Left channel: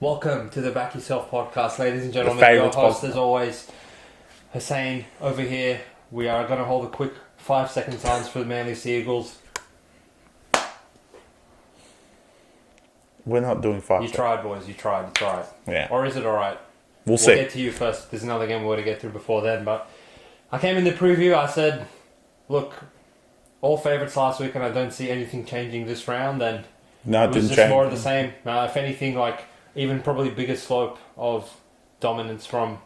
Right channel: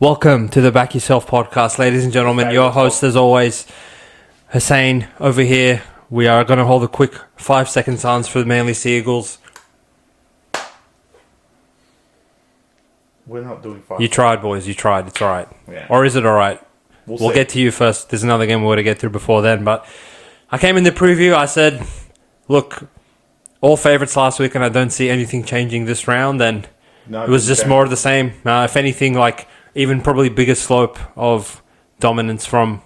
Welcome to the Back Yourself Podcast, ladies and gentlemen. Your host, as always, Hussein, over here. We are going to hold a quick 5-second silence for the Manly Seagulls. We're not doing 5. You tried, boys. You tried. It's all right. Yeah. Or is it all right? We'll see. We'll get to you first. There's another game we're going to get through before then. But I came in the preview. I said, look, all favourites last week, and I don't see anything changing this round. And No, it was just more of the same. If anything, like even probably bigger slope of dominance from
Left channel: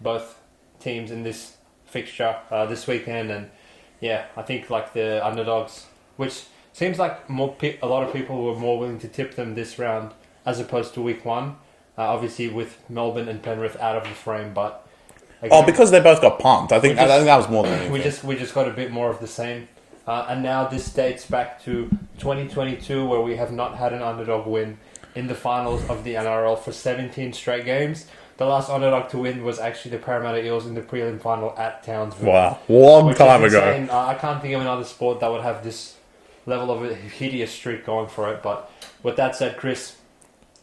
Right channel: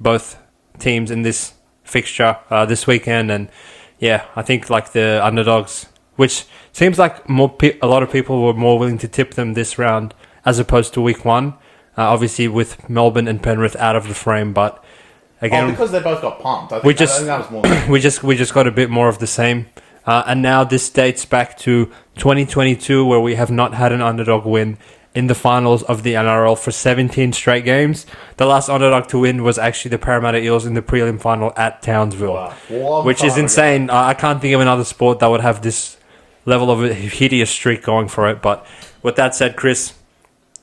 both teams in this fixture this weekend. And yeah, I think like the underdogs, which seems like a lot of people were more willing to tip them this round as opposed to week one. Obviously with Melbourne and Penrith out of the frame, but again, because they both got pumped. I think that was more. we just got a bit more of the same. And now this dates back to 2022, where we have not had an underdog win in the finals of the NRL for 17 straight games. The last underdog to win was actually the Parramatta Eels in the prelim final at Townsville. Wow. Which is insane. I can't think of another sport that would have this level of a hideous streak going for it. But with that said, Chris,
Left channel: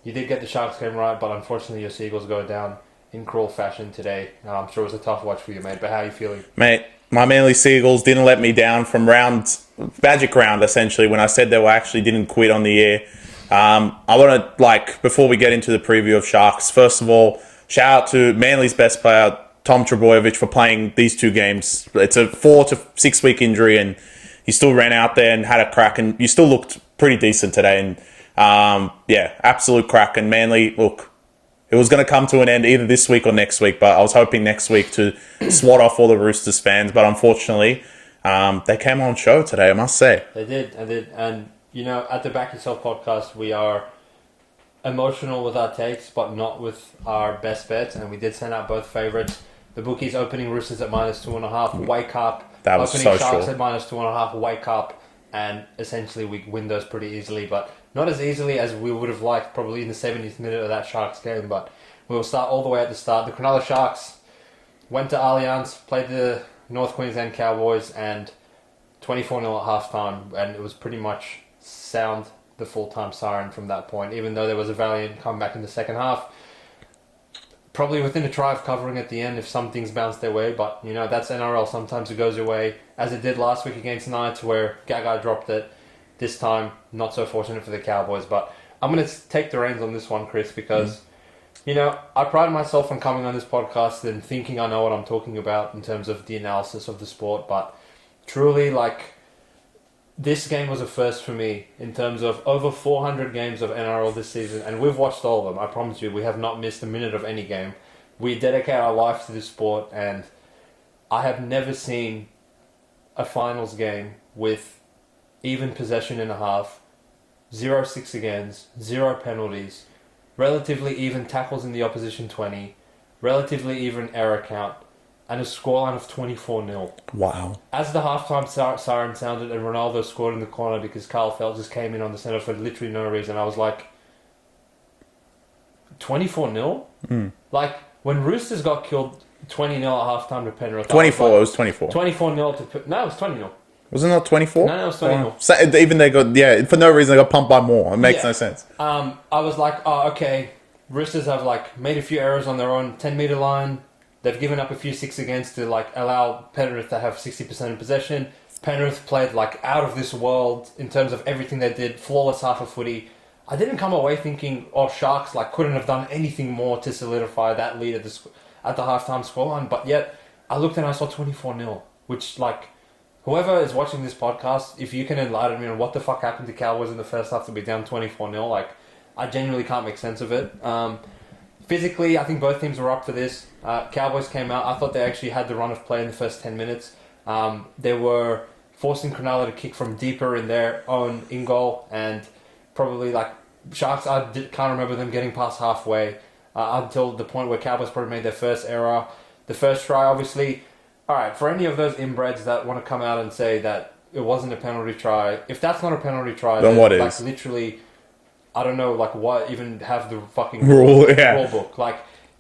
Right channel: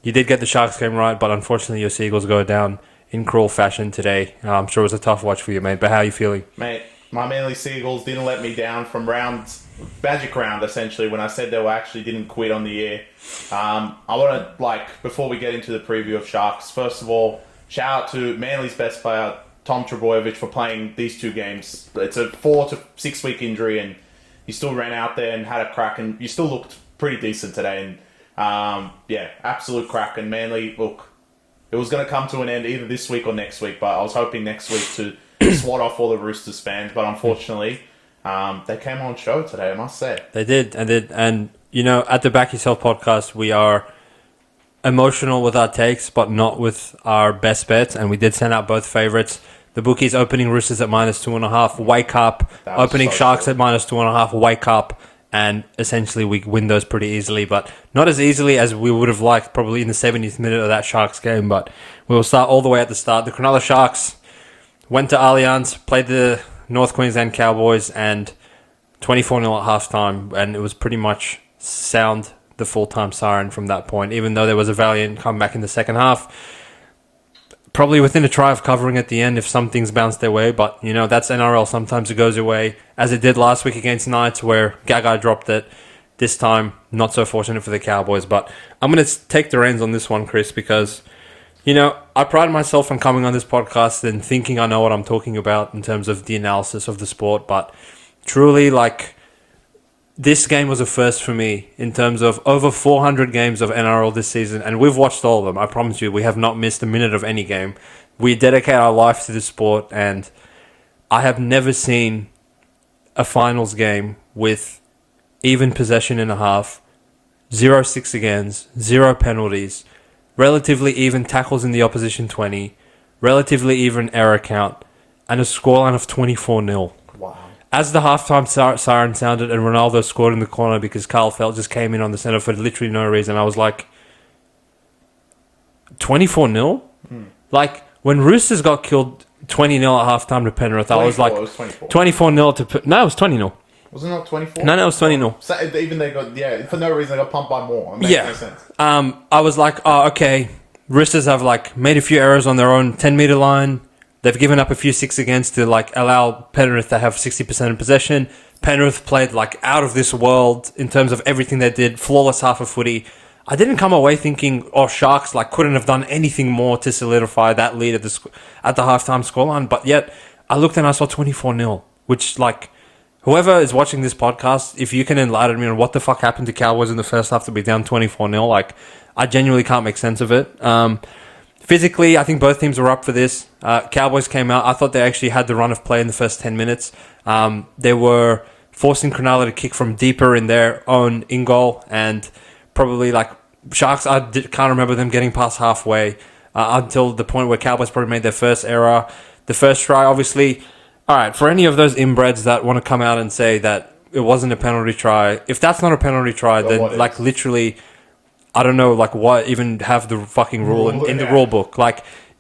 you did get the Sharks game right, but unfortunately your Seagulls go down in cruel fashion today. I'm sure it was a tough watch for you, mate. But how are you feeling? Mate, my Manly Seagulls didn't let me down from magic round, essentially, when I said they didn't quit on the air. I want to, before we get into the preview of Sharks, first of all, shout out to Manly's best player, Tom Trbojevic, for playing these 2 games. It's a 4 to 6 week injury, and he still ran out there and had a crack, and you still looked pretty decent today. And absolute crack. And Manly, look, it was going to come to an end either this week or next week, but I was hoping next week to swat off all the Roosters fans. But unfortunately, they came on show today, I must say. They did. And you know, at the Back Yourself Podcast, we are emotional with our takes, but not with our best bets. And we did send out both favourites. The bookies opening Roosters at -2.5, wake up. Opening so Sharks at -2.5, wake up. And essentially we win those pretty easily, but not as easily as we would have liked probably in the 70th minute of that Sharks game. But we'll start all the way at the start. The Cronulla Sharks went to Allianz, played the North Queensland Cowboys, and 24-0 at halftime, and it was pretty much sound the full-time siren from that point, even though there was a valiant comeback in the second half. Probably within a try of covering at the end if some things bounce their way, but you know, that's NRL. Sometimes it goes away, as it did last week against Knights, where Gagai dropped it. This time, not so fortunate for the Cowboys, but I'm going to take the reins on this one, Chris, because, you know, I pride myself on coming on this podcast and thinking I know what I'm talking about in terms of the analysis of the sport, but truly, this game was a first for me in terms of over 400 games of NRL this season, and we've watched all of them. I promise you, we have not missed a minute of any game. We dedicate our life to the sport, and I have never seen a finals game with even possession in a half, 0 6 against, 0 penalties, relatively even tackles in the opposition 20, relatively even error count, and a scoreline of 24-0. Wow. As the halftime siren sounded and Ronaldo scored in the corner because Carl Felt just came in on the centre for literally no reason, I was like, 24-0? Like, when Roosters got killed 20-0 at halftime to Penrith, 24, I was like... it was 24. 24-0 to... No, it was 20-0. Wasn't it 24? No, it was 20-0. Oh. So even they got... for no reason they got pumped by more. It makes no sense. I was like, oh, okay. Roosters have, made a few errors on their own 10-metre line. They've given up a few 6 against to allow Penrith to have 60% of possession. Penrith played out of this world in terms of everything they did. Flawless half of footy. I didn't come away thinking, Sharks couldn't have done anything more to solidify that lead at the halftime scoreline. But yet, I looked and I saw 24-0, which whoever is watching this podcast, if you can enlighten me on what the fuck happened to Cowboys in the first half to be down 24-0, I genuinely can't make sense of it. Physically, I think both teams were up for this. Cowboys came out. I thought they actually had the run of play in the first 10 minutes. They were forcing Cronulla to kick from deeper in their own in-goal. And probably, Sharks, can't remember them getting past halfway until the point where Cowboys probably made their first error. The first try, obviously... All right, for any of those inbreds that want to come out and say that it wasn't a penalty try, if that's not a penalty try, then literally... I don't know, what even have the fucking rule in the rule book.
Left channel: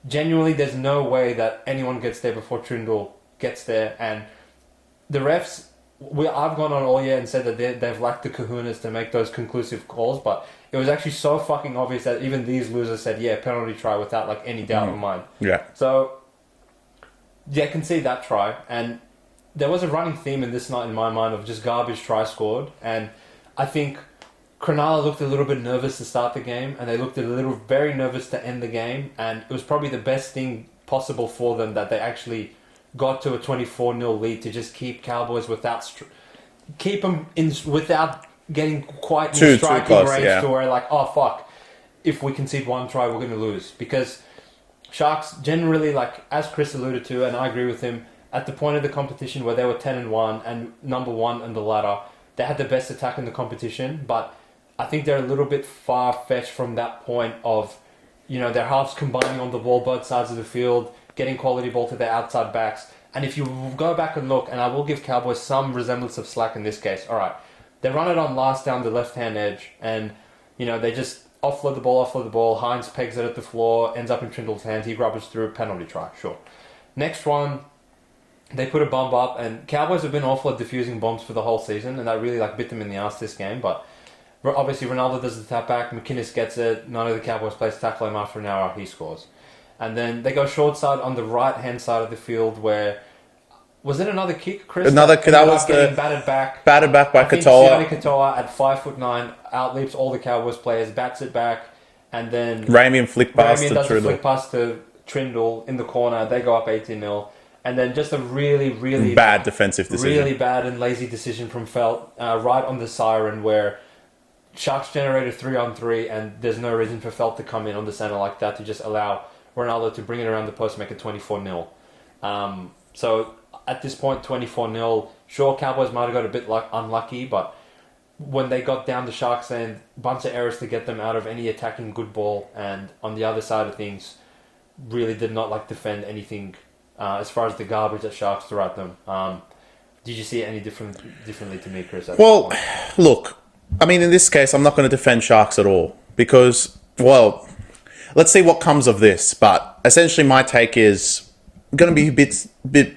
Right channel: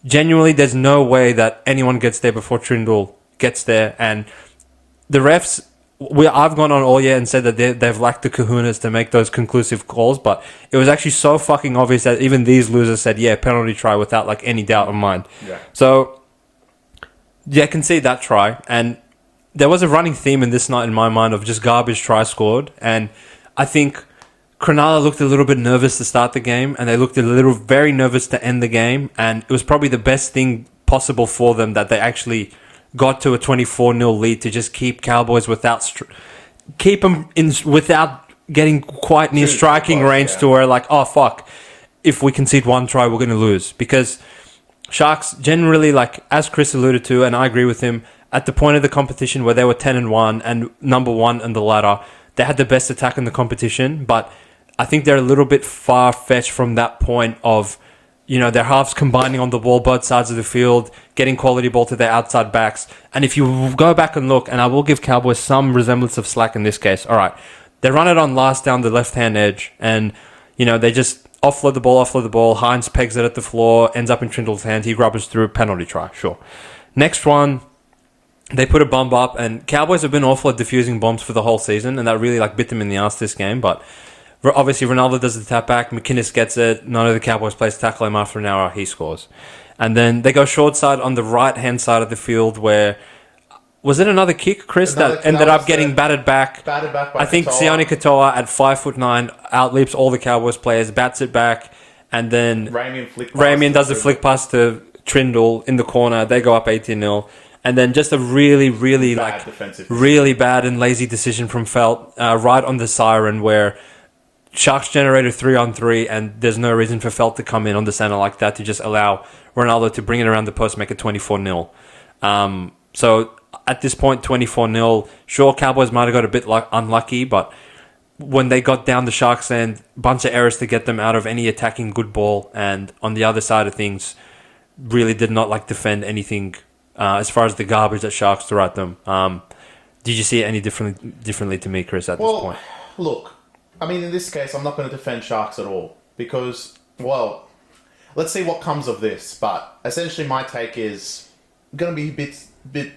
Genuinely, there's no way that anyone gets there before Trindle gets there. And the refs I've gone on all year and said that they've lacked the kahunas to make those conclusive calls, but it was actually so fucking obvious that even these losers said, yeah, penalty try without like any doubt of mind. Yeah. So, yeah, I can see that try. And there was a running theme in this night in my mind of just garbage try scored. And I think Cronulla looked a little bit nervous to start the game, and they looked very nervous to end the game. And it was probably the best thing possible for them that they actually got to a 24-0 lead to just keep Cowboys without getting quite near striking close, range to where like, oh fuck, if we concede one try, we're going to lose. Because Sharks generally, like as Chris alluded to, and I agree with him, at the point of the competition where they were 10-1 and number one in the ladder, they had the best attack in the competition. But I think they're a little bit far-fetched from that point of, their halves combining on the ball, both sides of the field, getting quality ball to their outside backs. And if you go back and look, and I will give Cowboys some resemblance of slack in this case. All right, they run it on last down the left-hand edge, and, they just offload the ball. Hines pegs it at the floor, ends up in Trindle's hands. He rubbers through, penalty try, sure. Next one, they put a bomb up, and Cowboys have been awful at defusing bombs for the whole season, and that really bit them in the ass this game, but obviously, Ronaldo does the tap back. McInnes gets it. None of the Cowboys players tackle him after an hour. He scores. And then they go short side on the right-hand side of the field where... Was it another kick, Chris, that ended up getting battered back? Battered back by I think Katoa. Sione Katoa at 5'9" outleaps all the Cowboys players, bats it back, and then... Ramian does the flick pass to Trindle in the corner. They go up 18-0. And then just a really, really... Bad defensive decision. Really bad and lazy decision from Felt right on the siren where... Sharks generated 3-on-3, and there's no reason for Felt to come in on the center like that to just allow Ronaldo to bring it around the post, make it 24-0. So at this point, 24-0. Sure, Cowboys might have got a bit unlucky, but when they got down the Sharks end, bunch of errors to get them out of any attacking good ball, and on the other side of things, really did not defend anything as far as the garbage that Sharks threw at them. Did you see it any differently to me, Chris? At this point? Look. I mean, in this case, I'm not going to defend Sharks at all because, well, let's see what comes of this. But essentially, my take is going to be a bit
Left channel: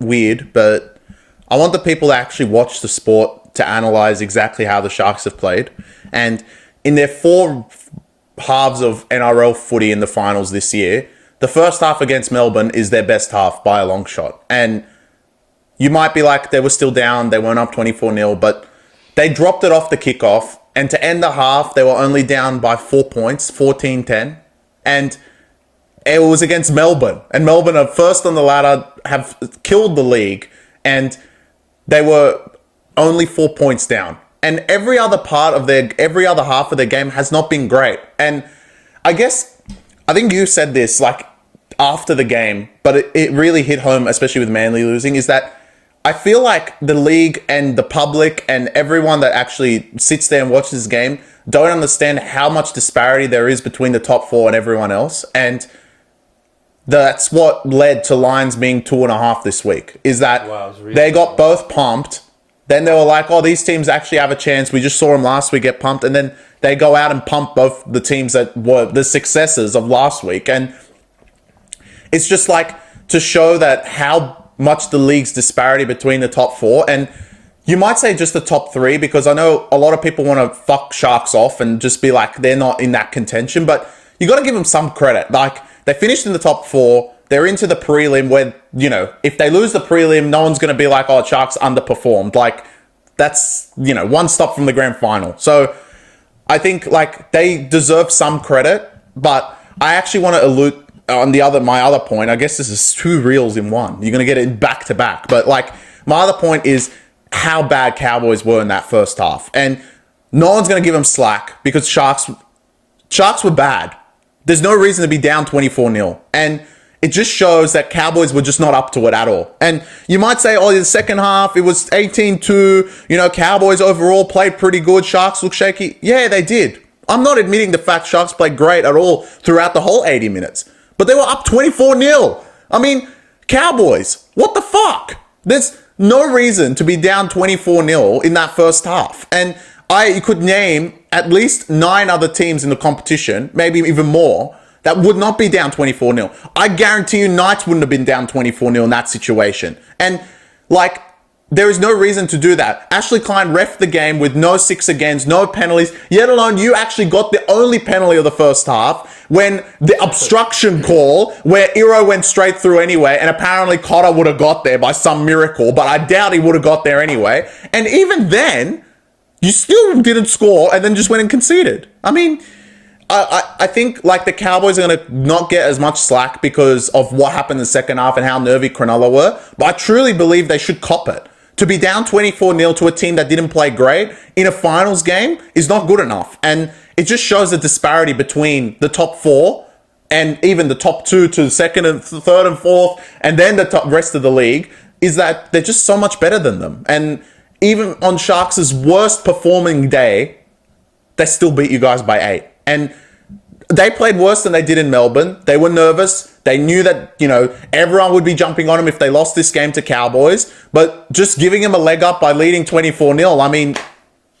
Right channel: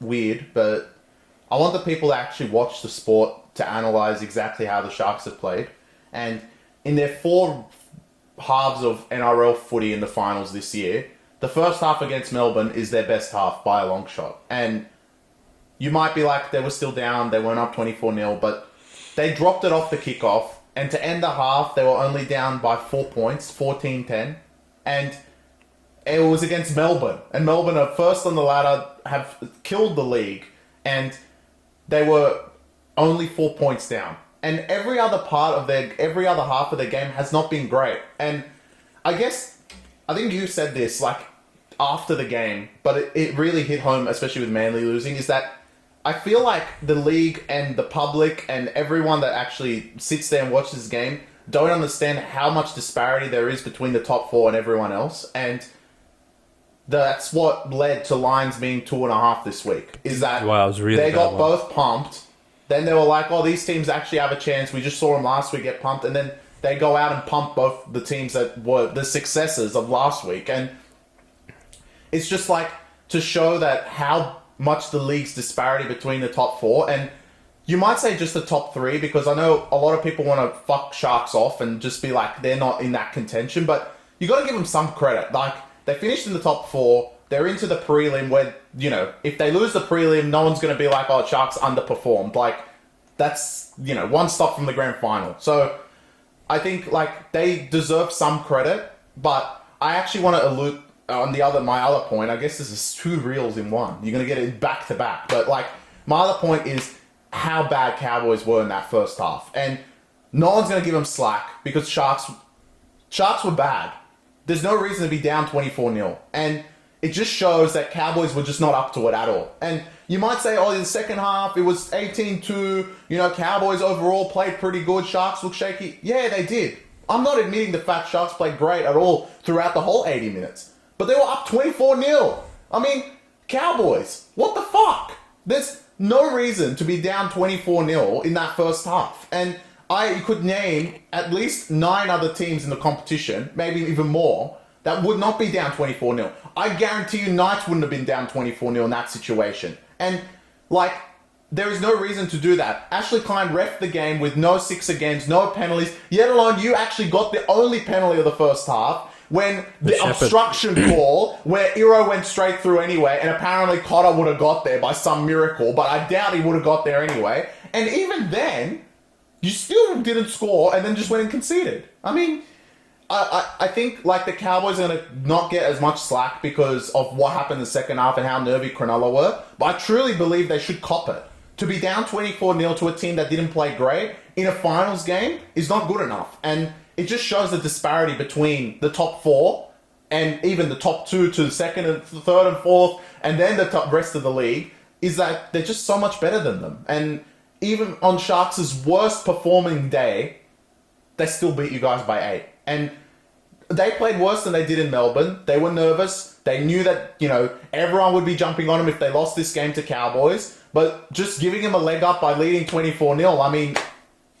weird, but I want the people that actually watch the sport to analyze exactly how the Sharks have played. And in their 4 halves of NRL footy in the finals this year, the first half against Melbourne is their best half by a long shot. And you might be like, they were still down, they weren't up 24-0, but they dropped it off the kickoff, and to end the half, they were only down by 4 points, 14-10. And it was against Melbourne. And Melbourne are first on the ladder, have killed the league, and they were only 4 points down. And every other half of their game has not been great. And I think you said this after the game, but it really hit home, especially with Manly losing, is that I feel like the league and the public and everyone that actually sits there and watches this game don't understand how much disparity there is between the top 4 and everyone else. And that's what led to Lions being 2.5 this week, is that they got both pumped. Then they were like, oh, these teams actually have a chance. We just saw them last week get pumped. And then they go out and pump both the teams that were the successors of last week. And it's just to show that how much the league's disparity between the top 4. And you might say just the top 3, because I know a lot of people want to fuck Sharks off and just be like, they're not in that contention. But you got to give them some credit. They finished in the top 4. They're into the prelim where, if they lose the prelim, no one's going to be like, oh, Sharks underperformed. That's, one stop from the grand final. So I think, they deserve some credit. But I actually want to allude on my other point. I guess this is 2 reels in one. You're going to get it back to back. But my other point is how bad Cowboys were in that first half. And no one's going to give them slack because Sharks were bad. There's no reason to be down 24-0. And it just shows that Cowboys were just not up to it at all. And you might say, oh, the second half, it was 18-2. Cowboys overall played pretty good. Sharks look shaky. Yeah, they did. I'm not admitting the fact Sharks played great at all throughout the whole 80 minutes. But they were up 24-0. I mean, Cowboys, what the fuck? There's no reason to be down 24-0 in that first half. And I could name at least 9 other teams in the competition, maybe even more, that would not be down 24-0. I guarantee you Knights wouldn't have been down 24-0 in that situation. And There is no reason to do that. Ashley Klein reffed the game with no 6 against, no penalties, yet alone you actually got the only penalty of the first half when the obstruction call where Iro went straight through anyway, and apparently Cotter would have got there by some miracle, but I doubt he would have got there anyway. And even then, you still didn't score and then just went and conceded. I mean, I think like the Cowboys are going to not get as much slack because of what happened in the second half and how nervy Cronulla were, but I truly believe they should cop it. To be down 24-0 to a team that didn't play great in a finals game is not good enough. And it just shows the disparity between the top 4 and even the top 2 to the second and third and fourth, and then the rest of the league, is that they're just so much better than them. And even on Sharks' worst performing day, they still beat you guys by 8. And they played worse than they did in Melbourne. They were nervous. They knew that, everyone would be jumping on them if they lost this game to Cowboys. But just giving them a leg up by leading 24-0, I mean,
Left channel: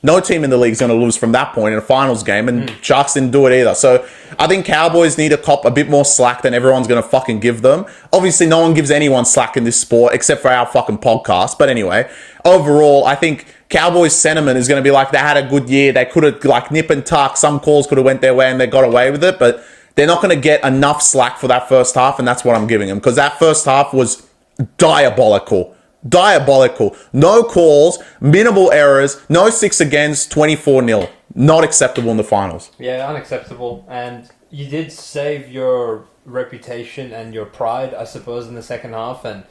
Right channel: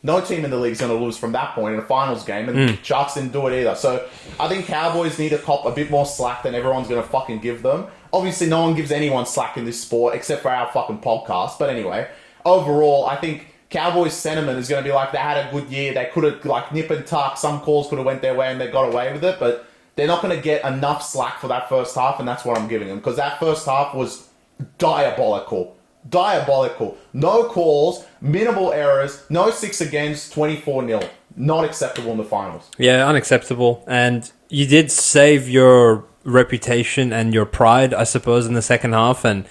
no team in the league is going to lose from that point in a finals game, and Sharks didn't do it either. So I think Cowboys need to cop a bit more slack than everyone's going to fucking give them. Obviously, no one gives anyone slack in this sport except for our fucking podcast. But anyway, overall, I think Cowboys' sentiment is going to be like they had a good year. They could have like nip and tuck. Some calls could have went their way and they got away with it, but they're not going to get enough slack for that first half, and that's what I'm giving them, because that first half was diabolical. Diabolical. No calls, minimal errors, no 6 against, 24-0. Not acceptable in the finals. Yeah, unacceptable. And you did save your reputation and your pride, I suppose, in the second half. And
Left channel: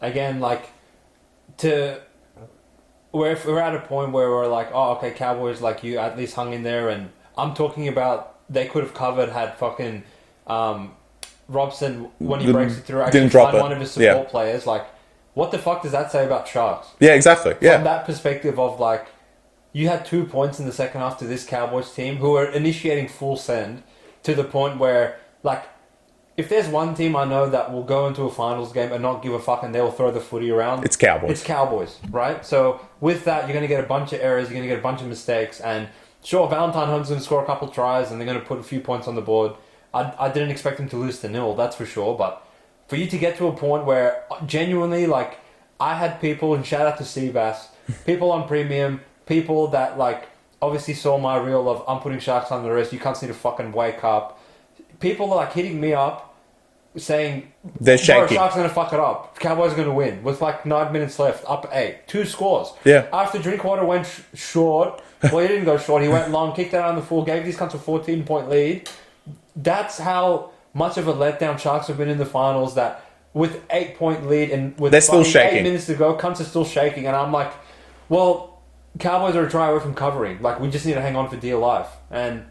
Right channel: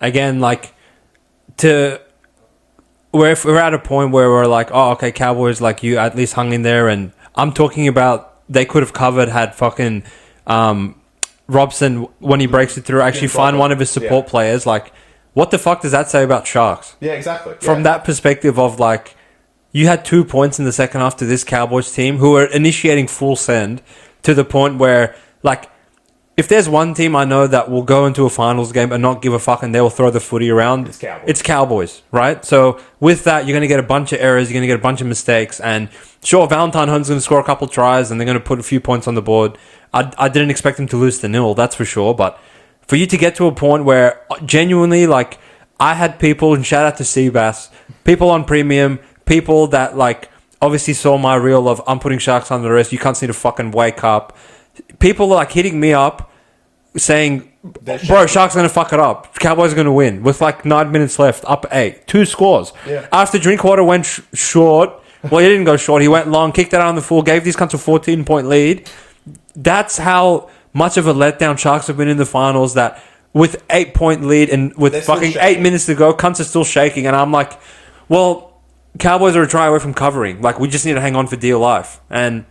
again, we're at a point where we're like, oh, okay, Cowboys, like, you at least hung in there. And I'm talking about they could have covered had fucking Robson, when he breaks it through, actually find one of his support players. Like, what the fuck does that say about Sharks? Yeah, exactly. From that perspective of, like, you had 2 points in the second half to this Cowboys team who are initiating full send to the point where, like, if there's one team I know that will go into a finals game and not give a fuck and they will throw the footy around, it's Cowboys. It's Cowboys, right? So with that, you're going to get a bunch of errors, you're going to get a bunch of mistakes, and sure, Valentine Holmes is going to score a couple of tries and they're going to put a few points on the board. I didn't expect him to lose to 0, that's for sure, but for you to get to a point where genuinely, like, I had people, and shout out to Seabass, people on Premium, people that, like, obviously saw my reel of I'm putting Sharks under arrest, you cunts need to fucking wake up. People are, like, hitting me up saying, bro, Sharks are going to fuck it up. Cowboys are going to win with, like, 9 minutes left, up 8. 2 scores. Yeah. After Drinkwater went short, well, he didn't go short, he went long, kicked it out on the full, gave these cunts a 14-point lead. That's how much of a letdown Sharks have been in the finals, that with 8-point lead and with fucking 8 minutes to go, cunts are still shaking. And I'm like, well, Cowboys are a try away from covering. Like, we just need to hang on for dear life. And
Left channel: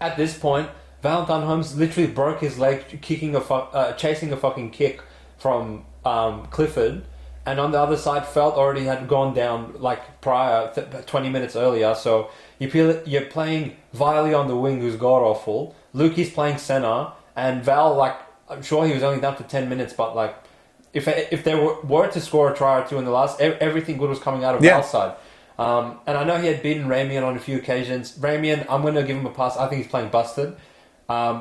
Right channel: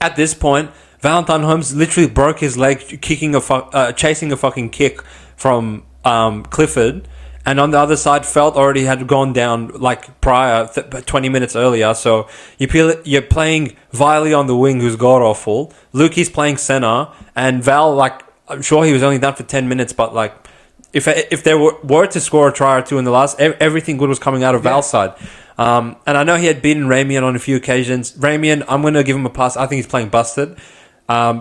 at this point, Valentine Holmes literally broke his leg chasing a fucking kick from Clifford. And on the other side, Felt already had gone down like prior, 20 minutes earlier. So you're playing Viley on the wing, who's god-awful. Lukey's playing center. And Val, like, I'm sure he was only done for 10 minutes, but, like, if they were to score a try or two in the last, everything good was coming out of Val's side. And I know he had beaten Ramian on a few occasions. Ramian, I'm going to give him a pass. I think he's playing busted.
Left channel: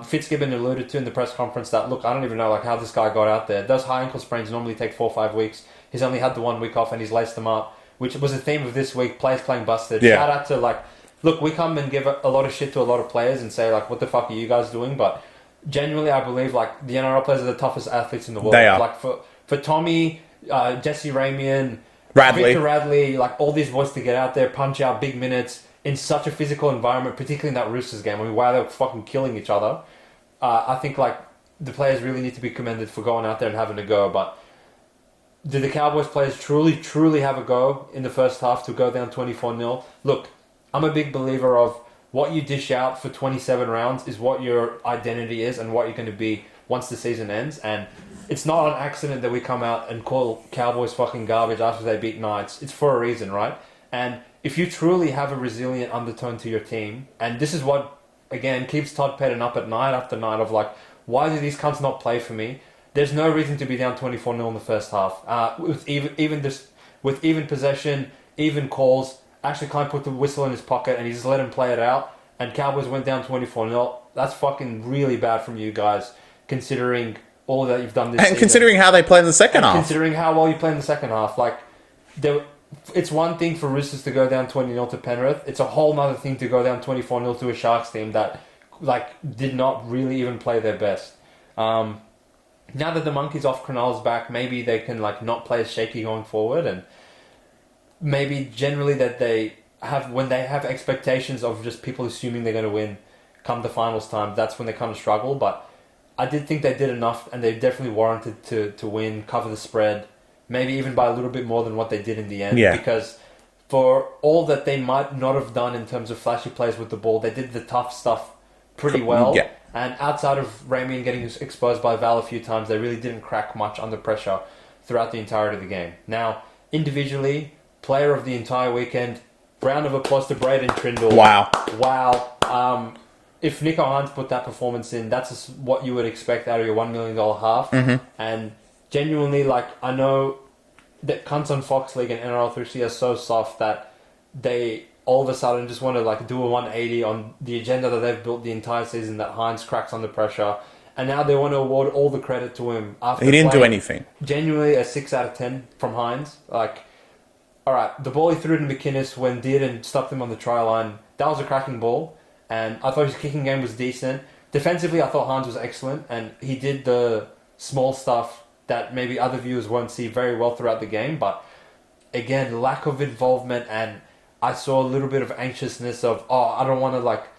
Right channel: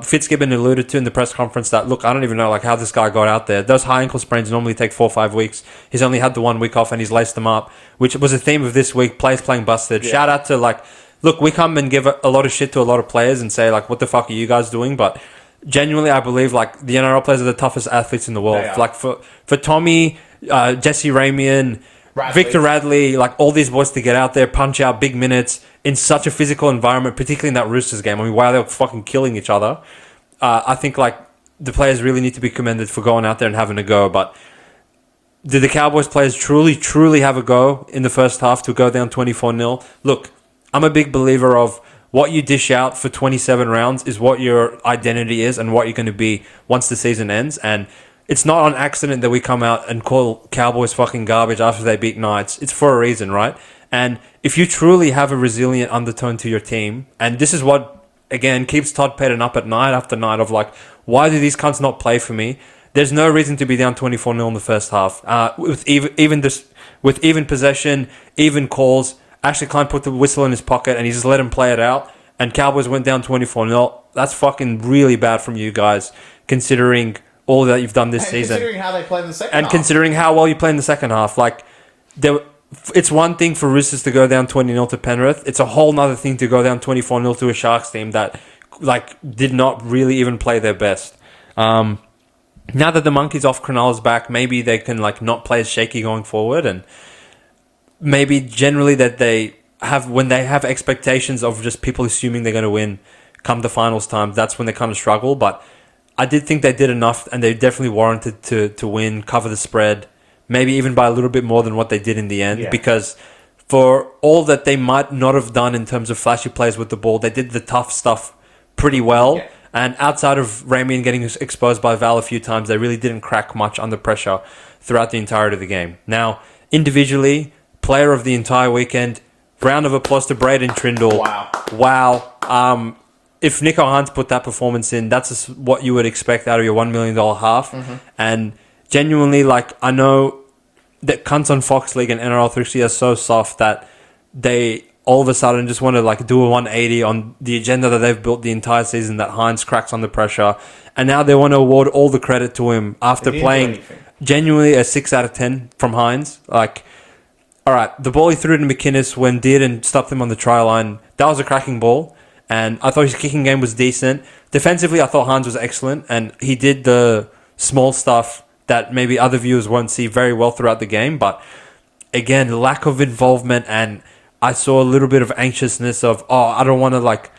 Fitzgibbon alluded to in the press conference that, look, I don't even know, like, how this guy got out there. Those high ankle sprains normally take 4 or 5 weeks. He's only had the 1 week off and he's laced them up, which was a theme of this week, players playing busted. Yeah. Shout out to, like, look, we come and give a lot of shit to a lot of players and say, like, what the fuck are you guys doing? But genuinely, I believe, like, the NRL players are the toughest athletes in the world. They are. Like, for Tommy, Jesse Ramian, Victor Radley, like, all these boys to get out there, punch out big minutes in such a physical environment, particularly in that Roosters game. I mean, wow, they were fucking killing each other. I think, like, the players really need to be commended for going out there and having a go. But did the Cowboys players truly have a go in the first half to go down 24-0? Look, I'm a big believer of what you dish out for 27 rounds is what your identity is and what you're going to be once the season ends. And it's not an accident that we come out and call Cowboys fucking garbage after they beat Knights. It's for a reason, right? And if you truly have a resilient undertone to your team, and this is what, again, keeps Todd Pettit up at night after night of, like, why do these cunts not play for me? There's no reason to be down 24-0 in the first half. With even possession, even calls, Ashley Klein put the whistle in his pocket and he just let him play it out. And Cowboys went down 24-0. That's fucking really bad from you guys, considering all that you've done this season. And considering how they played in the second half. And considering how well you played in the second half. Like, it's one thing for Roosters to go down 20-0 to Penrith. It's a whole nother thing to go down 24-0 to a Sharks team that like did not really even play their best. Now that the monkey's off, Cronulla's back, maybe they can like not play as shaky going forward, and maybe generally that they have, when they have expectations of just people assuming they're going to win come the finals time, that's when they kind of struggle. But I did think they did enough, and they definitely warranted to win, cover the spread, maybe even by a little bit more than what they did in the end. Yeah. Because for all that they might not have done in terms of flashy plays with the ball, they did the tough stuff pretty well. Yeah. And outside of Ramian getting exposed by Val a few times, they really didn't crack much under pressure throughout the entirety of the game. Now, individually, player of the entire weekend, round of applause to Braden Trindle. Wow. If Nico Hunt put that performance in, that's what you would expect out of your $1 million half. Mm-hmm. And genuinely, like, I know that cunts on Fox League and NRL 3C are so soft that they all of a sudden just want to like do a 180 on the agenda that they've built the entire season, that Hines cracks under pressure. And now they want to award all the credit to him after playing do anything. Genuinely a 6 out of 10 from Hines. Like, all right, the ball he threw to McInnes when Dearden stopped him on the try line, that was a cracking ball. And I thought his kicking game was decent. Defensively, I thought Hines was excellent. And he did the small stuff that maybe other viewers won't see very well throughout the game. But again, lack of involvement, and I saw a little bit of anxiousness of, I don't want to like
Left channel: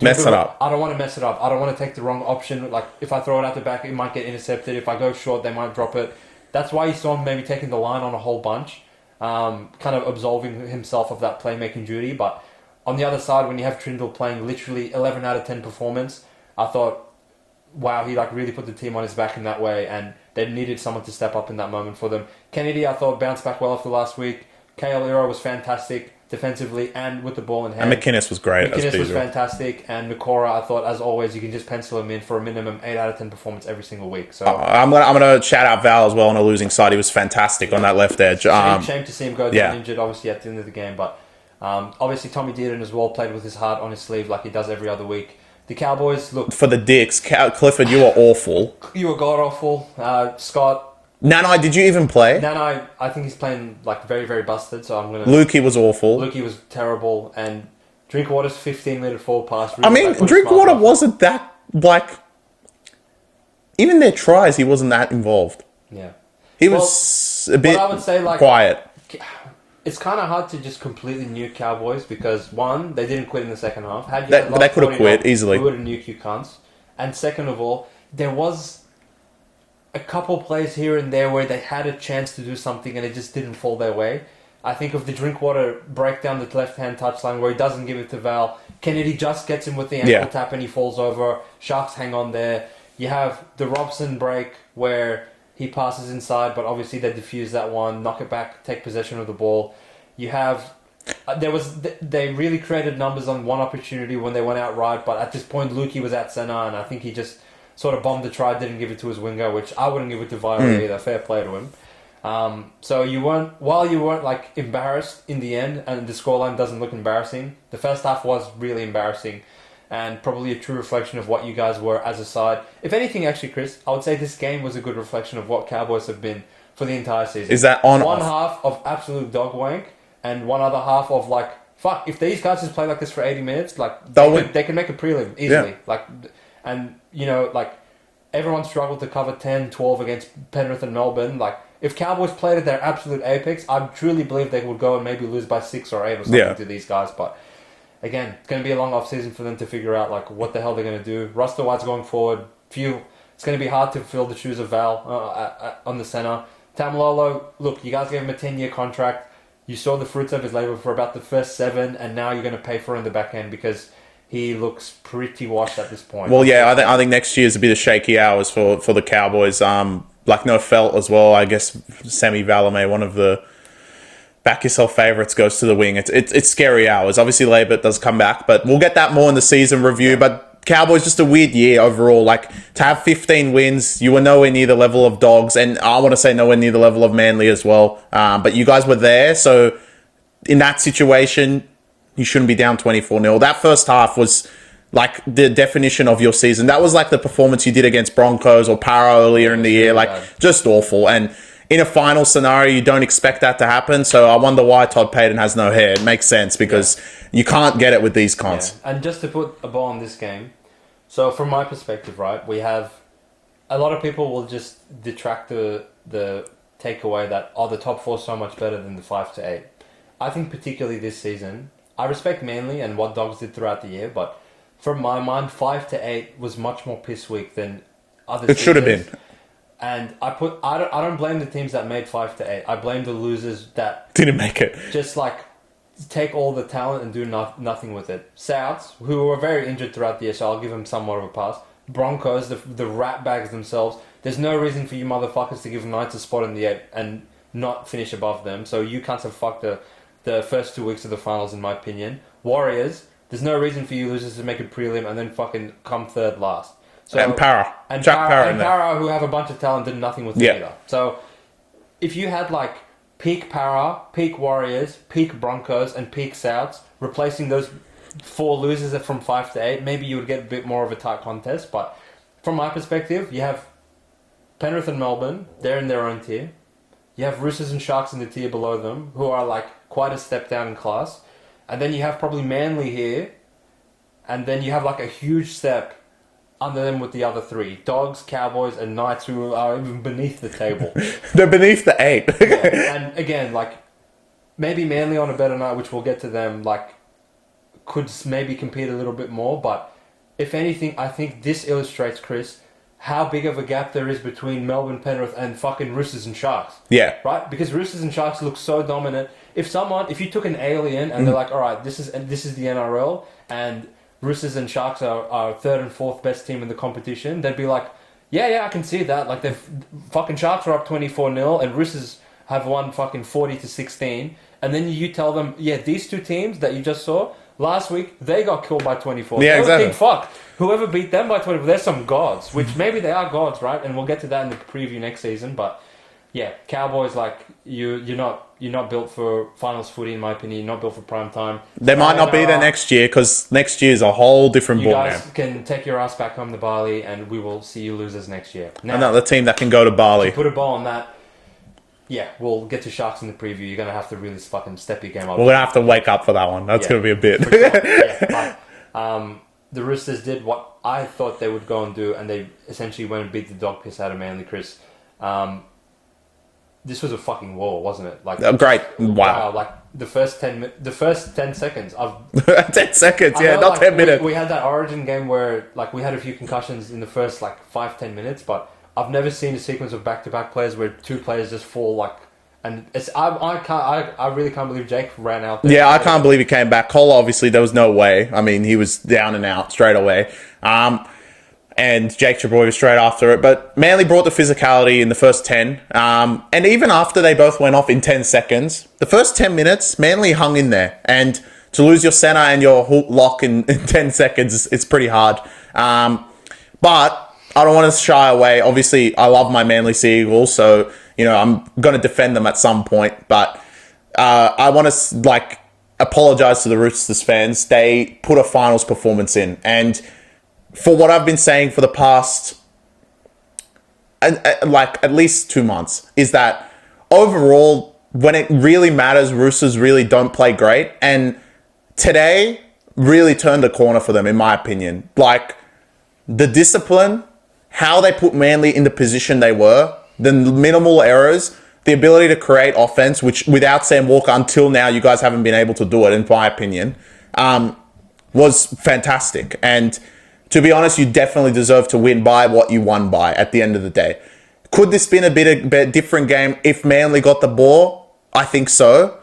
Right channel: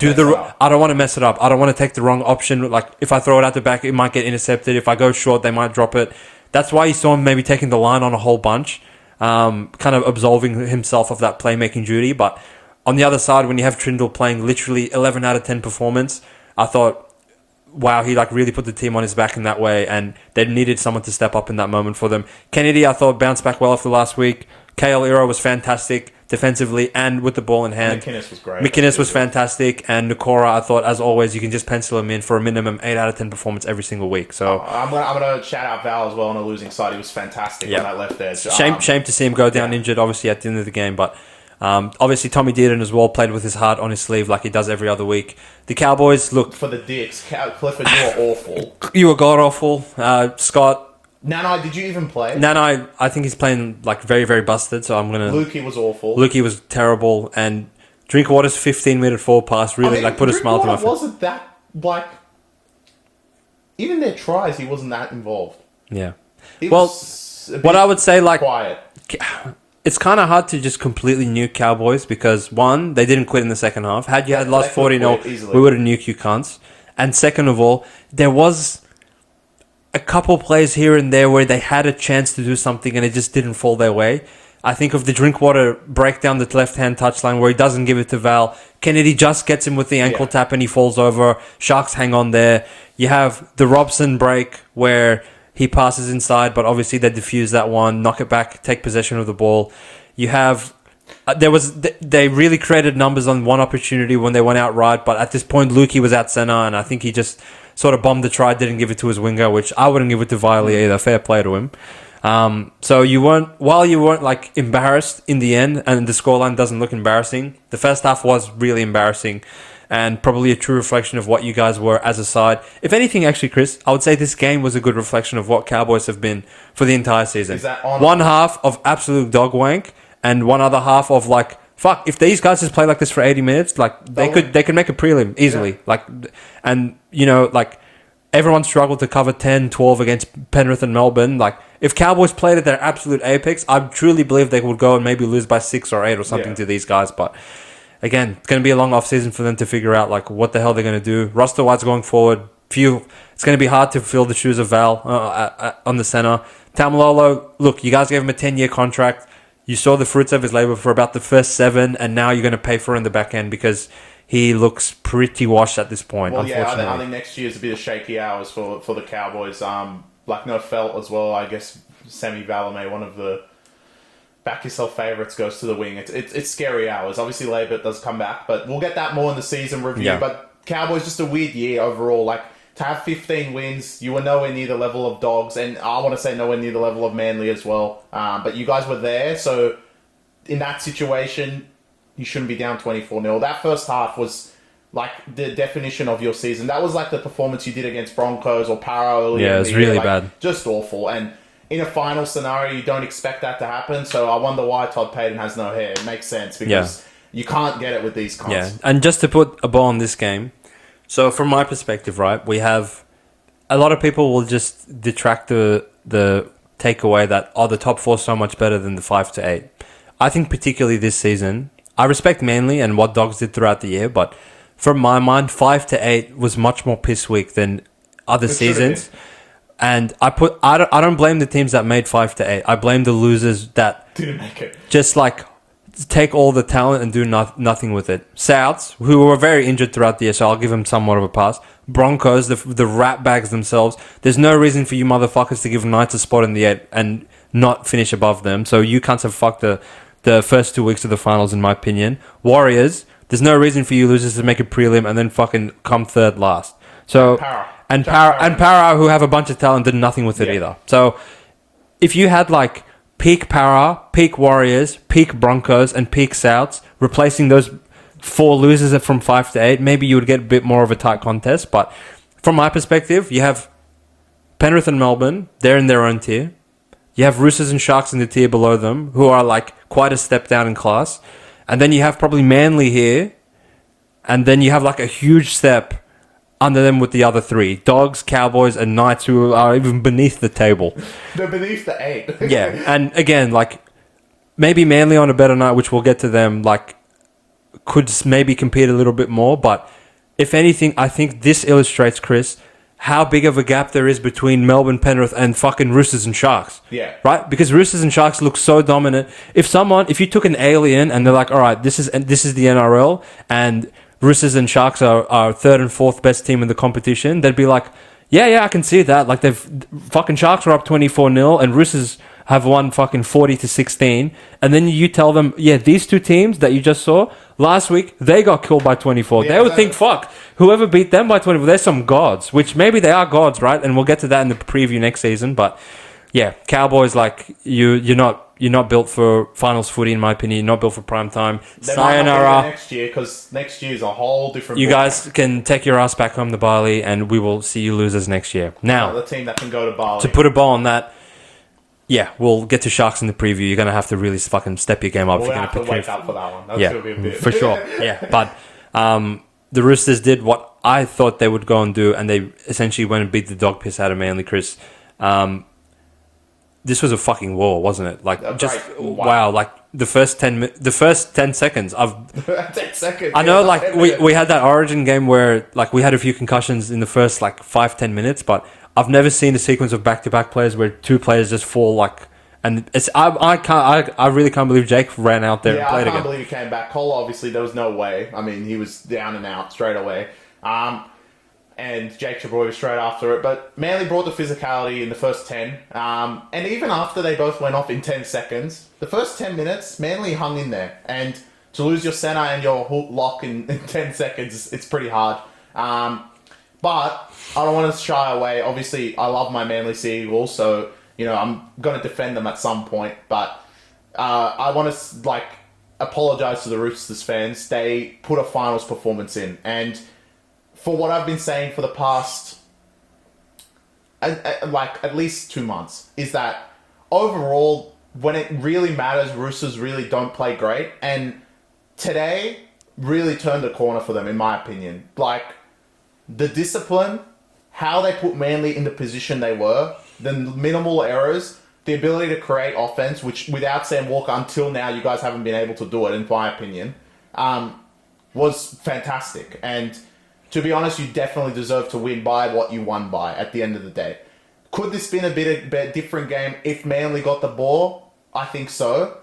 I don't want to mess it up. I don't want to take the wrong option. Like if I throw it out the back, it might get intercepted. If I go short, they might drop it. That's why you saw him maybe taking the line on a whole bunch, kind of absolving himself of that playmaking duty. But on the other side, when you have Trindle playing literally 11 out of 10 performance, I thought, wow, he like really put the team on his back in that way, and they needed someone to step up in that moment for them. Kennedy, I thought, bounced back well after last week. KL Iro was fantastic defensively and with the ball in hand. And McInnes was great. McInnes was fantastic. And Nakora, I thought, as always, you can just pencil him in for a minimum 8 out of 10 performance every single week. So I'm gonna shout out Val as well on a losing side. He was fantastic on that left edge. Shame to see him go down injured, obviously, at the end of the game. But obviously, Tommy Dearden as well played with his heart on his sleeve like he does every other week. The Cowboys, look... For the dicks, Clifford, you were awful. You were god-awful. Scott... Nanai, did you even play? Nanai, I think he's playing like very, very busted, so I'm going to... Lukey was awful. Lukey was terrible, and Drinkwater's 15-minute forward pass really put a smile on Drinkwater wasn't that, like... Even their tries, he wasn't that involved. Yeah. He was a bit what I would say, like... quiet. It's kind of hard to just completely nuke Cowboys because, one, they didn't quit in the second half. Had you had lost 40-0, we would have nuked you cunts. And second of all, there was a couple plays here and there where they had a chance to do something and it just didn't fall their way. I think of the Drinkwater breakdown, the left-hand touchline where he doesn't give it to Val. Kennedy just gets him with the ankle tap and he falls over. Sharks hang on there. You have the Robson break where he passes inside, but obviously they defuse that one, knock it back, take possession of the ball. You have... they really created numbers on one opportunity when they went out right, but at this point, Lukey was out center, and I think he just sort of bombed the try, didn't give it to his winger, which I wouldn't give it to Viley either. Fair play to him. So while you weren't like embarrassed in the end, and the scoreline doesn't look embarrassing, the first half was really embarrassing, and probably a true reflection of what you guys were as a side. If anything, actually, Chris, I would say this game was a good reflection of what Cowboys have been for the entire season. Is that on? One half of absolute dog wank, and one other half of like, fuck, if these guys just play like this for 80 minutes, like they could make a prelim easily. Yeah. Like, and you know, like everyone struggled to cover 10, 12 against Penrith and Melbourne. Like if Cowboys played at their absolute apex, I truly believe they would go and maybe lose by 6 or 8 or something to these guys. But again, it's going to be a long off season for them to figure out like what the hell they're going to do. Roster wise going forward, it's going to be hard to fill the shoes of Val on the center. Tamalolo, look, you guys gave him a 10-year contract. You saw the fruits of his labor for about the first 7, and now you're going to pay for it in the back end because he looks pretty washed at this point. Well, yeah, I think next year's a bit of shaky hours for the Cowboys. Like no felt as well. I guess Sammy Valame, one of the back yourself favourites, goes to the wing. It's scary hours. Obviously, Labour does come back, but we'll get that more in the season review. Yeah. But Cowboys, just a weird year overall. Like, to have 15 wins, you were nowhere near the level of Dogs, and I want to say nowhere near the level of Manly as well. But you guys were there, so in that situation, you shouldn't be down 24-0. That first half was like the definition of your season. That was like the performance you did against Broncos or Para earlier in the year. Really like, bad. Just awful. And in a final scenario, you don't expect that to happen. So I wonder why Todd Payton has no hair. It makes sense because you can't get it with these cons. Yeah, and just to put a ball on this game, so from my perspective, right, we have a lot of people will just detract the takeaway that, the top four is so much better than the 5 to 8. I think particularly this season, I respect Manly and what Dogs did throughout the year, but from my mind, 5 to 8 was much more piss weak than other seasons. And I don't blame the teams that made 5 to 8. I blame the losers that didn't make it. Just like take all the talent and do nothing with it. Souths, who were very injured throughout the year, so I'll give them somewhat of a pass. Broncos, the rat bags themselves. There's no reason for you motherfuckers to give Knights a spot in the 8 and not finish above them. So you cunts have fucked the first 2 weeks of the finals, in my opinion. Warriors, there's no reason for you losers to make a prelim and then fucking come third last. So and Para, who have a bunch of talent, did nothing with it either. So if you had like peak Para, peak Warriors, peak Broncos, and peak Souths, replacing those 4 losers from 5 to 8, maybe you would get a bit more of a tight contest. But from my perspective, you have Penrith and Melbourne, they're in their own tier. You have Roosters and Sharks in the tier below them, who are like quite a step down in class. And then you have probably Manly here, and then you have like a huge step under them with the other 3. Dogs, Cowboys, and Knights, who are even beneath the table. They're beneath the 8. Yeah, and again, like, maybe Manly on a better night, which we'll get to them, like, could maybe compete a little bit more. But if anything, I think this illustrates, Chris, how big of a gap there is between Melbourne, Penrith, and fucking Roosters and Sharks. Yeah. Right? Because Roosters and Sharks look so dominant. If you took an alien and they're like, all right, this is the NRL, and Roosters and Sharks are third and fourth best team in the competition, they'd be like, yeah, I can see that. Like, fucking Sharks are up 24-0 and Roosters have won fucking 40-16. And then you tell them, these 2 teams that you just saw last week, they got killed by 24. Yeah, they would think, fuck, whoever beat them by 24, they're some gods, which maybe they are gods, right? And we'll get to that in the preview next season. But yeah, Cowboys, like, you're not built for finals footy, in my opinion. You're not built for prime time. They might not be there next year, because next year is a whole different You ball guys game. can take your ass back home to Bali, and we will see you losers next year. Now, Another team that can go to Bali. to put a ball on that, we'll get to Sharks in the preview. You're going to have to really fucking step your game up. We're going to have to wake up for that one. That's going to be a bit. For sure, yeah. But the Roosters did what I thought they would go and do, and they essentially went and beat the dog piss out of Manly, Chris. This was a fucking war, wasn't it? Like, great. Wow. Like the first 10 seconds. 10 seconds. I know, like we had that Origin game where like we had a few concussions in the first like 5-10 minutes, but I've never seen a sequence of back-to-back players where 2 players just fall like. And it's I really can't believe Jake ran out there. Yeah, I can't believe he came back. Cole, obviously, there was no way. I mean, he was down and out straight away. And Jake Trebojevic was straight after it. But Manly brought the physicality in the first 10. And even after they both went off in 10 seconds, the first 10 minutes, Manly hung in there. And to lose your centre and your lock in 10 seconds, it's pretty hard. But I don't want to shy away. Obviously, I love my Manly Sea Eagles, so I'm going to defend them at some point. But I want to apologise to the Roosters fans. They put a finals performance in, and for what I've been saying for the past, at least 2 months, is that overall, when it really matters, Roosters really don't play great. And today really turned a corner for them, in my opinion. Like, the discipline, how they put Manly in the position they were, the minimal errors, the ability to create offense, which without Sam Walker until now, you guys haven't been able to do it, in my opinion, was fantastic. And to be honest, you definitely deserve to win by what you won by at the end of the day. Could this been a bit different game if Manly got the ball? I think so.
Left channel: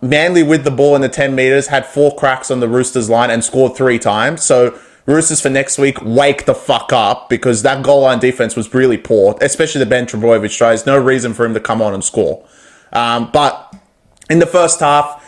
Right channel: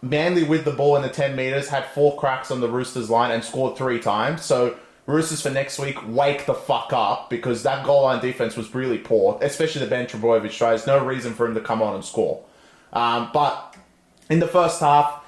Manly with the ball in the 10 metres had 4 cracks on the Roosters line and scored 3 times. So Roosters for next week, wake the fuck up, because that goal line defense was really poor, especially the Ben Trebojevic tries. No reason for him to come on and score. But in the first half,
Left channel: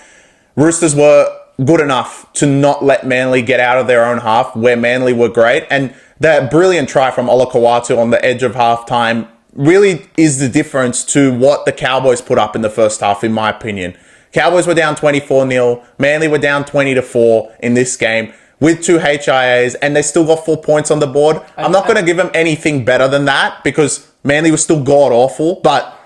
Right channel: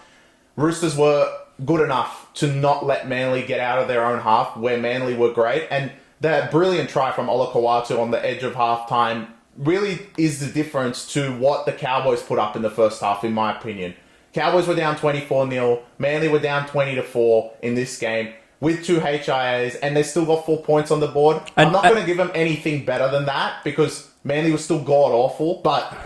Roosters were good enough to not let Manly get out of their own half, where Manly were great. And that brilliant try from Olakau'atu on the edge of halftime really is the difference to what the Cowboys put up in the first half, in my opinion. Cowboys were down 24-0. Manly were down 20-4 in this game with 2 HIAs, and they still got 4 points on the board. I'm not going to give them anything better than that, because Manly was still god-awful, but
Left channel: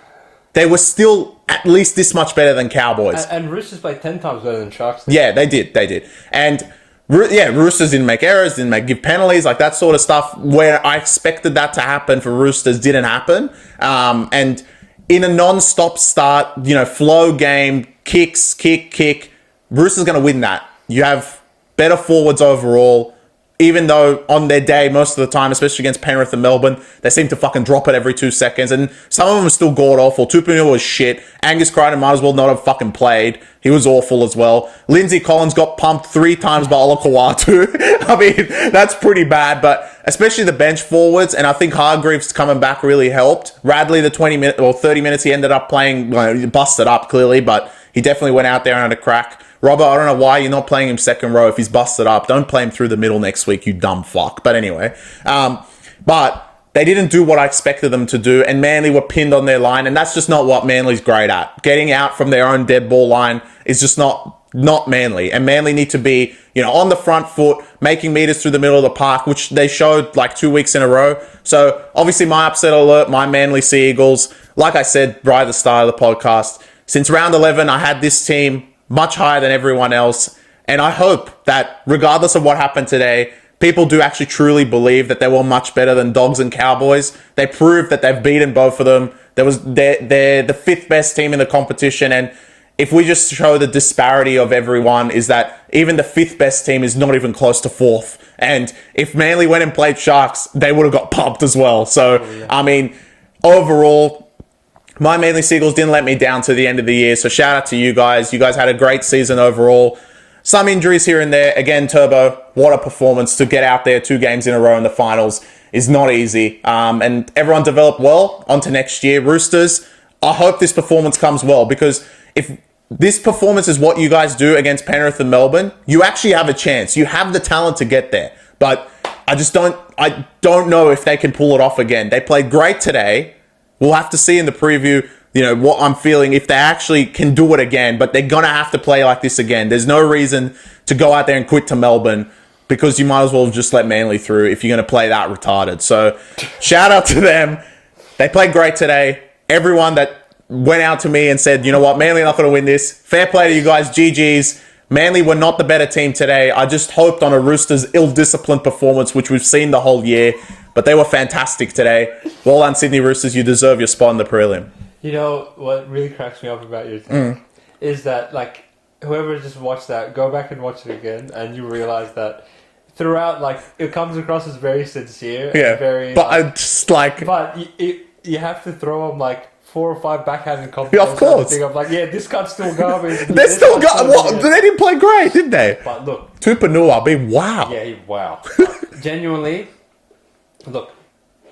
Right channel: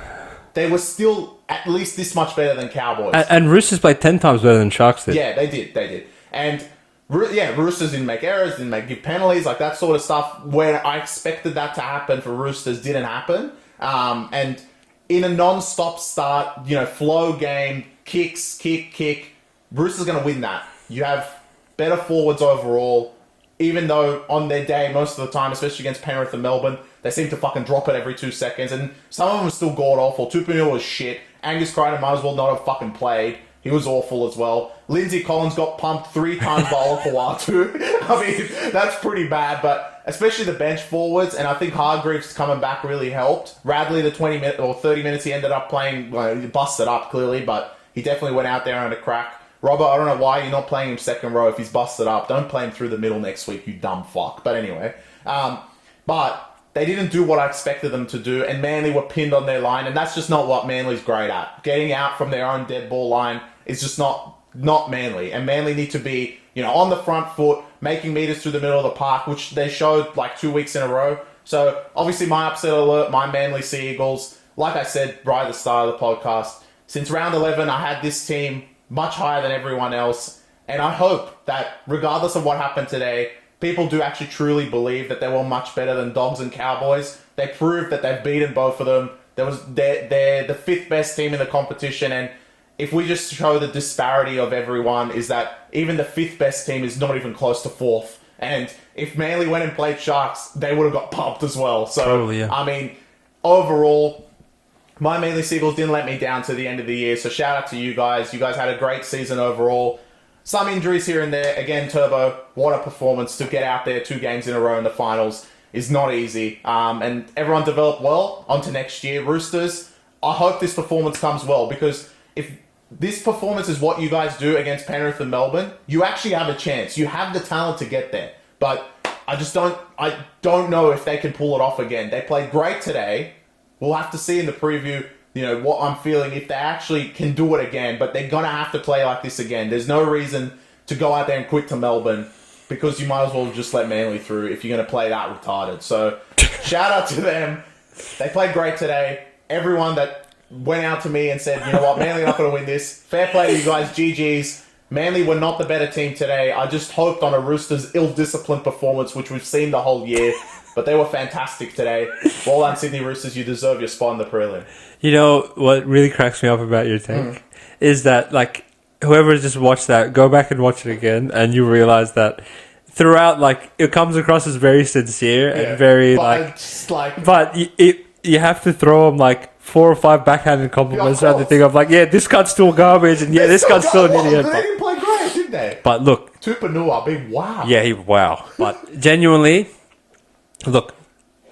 they were still at least this much better than Cowboys. And Roosters played 10 times better than Sharks did. Yeah, they did. And Roosters didn't make errors, give penalties, like that sort of stuff. Where I expected that to happen for Roosters didn't happen. And in a non-stop start, flow game, kick, Roosters going to win that. You have better forwards overall. Even though on their day, most of the time, especially against Penrith and Melbourne, they seem to fucking drop it every 2 seconds. And some of them are still god-awful. Tupanua was shit. Angus Crichton might as well not have fucking played. He was awful as well. Lindsay Collins got pumped 3 times by Olakau'atu. I mean, that's pretty bad. But especially the bench forwards, and I think Hargreaves coming back really helped. Radley, the 30 minutes he ended up playing, he busted up clearly, but he definitely went out there and had a crack. Robert, I don't know why you're not playing him second row if he's busted up. Don't play him through the middle next week, you dumb fuck. But anyway, but they didn't do what I expected them to do, and Manly were pinned on their line, and that's just not what Manly's great at. Getting out from their own dead ball line is just not Manly, and Manly need to be, on the front foot, making meters through the middle of the park, which they showed like 2 weeks in a row. So obviously my upset alert, my Manly Sea Eagles, like I said right at the start of the podcast, since round 11, I had this team much higher than everyone else. And I hope that regardless of what happened today, people do actually truly believe that they were much better than Dogs and Cowboys. They proved that they've beaten both of them. They're the 5th best team in the competition. And if we just show the disparity of everyone, is that even the 5th best team is not even close to 4th. And if Manly went and played Sharks, they would have got pumped as well. So, I mean, overall, my Manly Seagulls didn't let me down to the end of the year, so shout out to you guys. You guys had a great season overall. Some injuries here and there. Again, Turbo, what a performance to get out there 2 games in a row in the finals is not easy. And everyone developed well onto next year. Roosters, I hope this performance comes well, because if this performance is what you guys do against Penrith and Melbourne, you actually have a chance. You have the talent to get there. But I don't know if they can pull it off again. They played great today. We'll have to see in the preview, what I'm feeling, if they actually can do it again. But they're going to have to play like this again. There's no reason to go out there and quit to Melbourne, because you might as well just let Manly through if you're going to play that retarded. So shout out to them. They played great today. Everyone that went out to me and said, you know what, Manly are not going to win this. Fair play to you guys. GG's. Manly were not the better team today. I just hoped on a Roosters ill-disciplined performance, which we've seen the whole year. But they were fantastic today. Well done, Sydney Roosters. You deserve your spot in the prelim. You know what really cracks me up about your take is that, like, whoever just watched that, go back and watch it again, and you realize that throughout, like, it comes across as very sincere and very, but you have to throw them like 4 or 5 backhanded compliments on the thing of like, yeah, this cut's still garbage, and yeah, this cut's still good. They didn't play great, did they? But look, Tupanua, I mean, wow. Yeah, wow. But genuinely, look,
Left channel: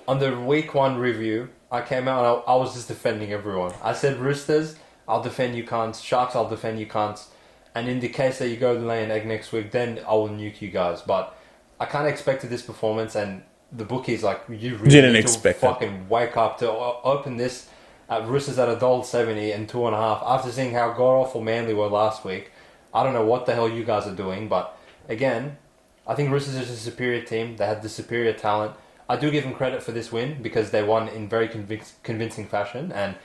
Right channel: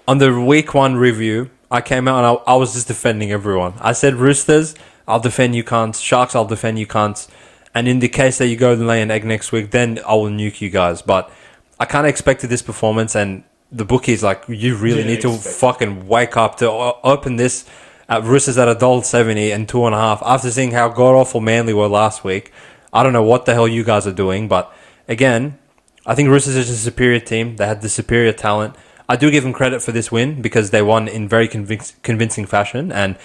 on the week 1 review, I came out and I was just defending everyone. I said, Roosters, I'll defend you cunts. Sharks, I'll defend you cunts. And in the case that you go and lay an egg next week, then I will nuke you guys. But I kind of expected this performance, and the bookies, like, you really need to fucking wake up to open this at Roosters at $1.70 and 2.5 after seeing how god-awful Manly were last week. I don't know what the hell you guys are doing, but again, I think Roosters is a superior team. They had the superior talent. I do give them credit for this win because they won in very convincing fashion. And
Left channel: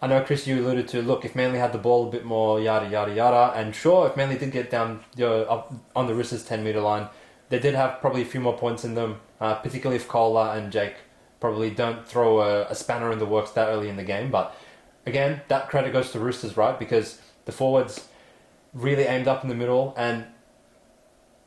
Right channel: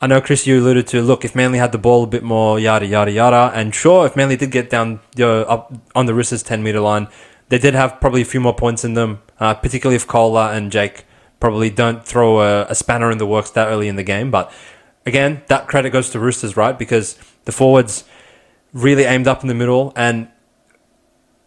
I know, Chris, you alluded to, look, if Manly had the ball a bit more, yada, yada, yada. And sure, if Manly did get down up on the Roosters 10-metre line, they did have probably a few more points in them, particularly if Kola and Jake probably don't throw a spanner in the works that early in the game. But again, that credit goes to Roosters, right? Because the forwards really aimed up in the middle. And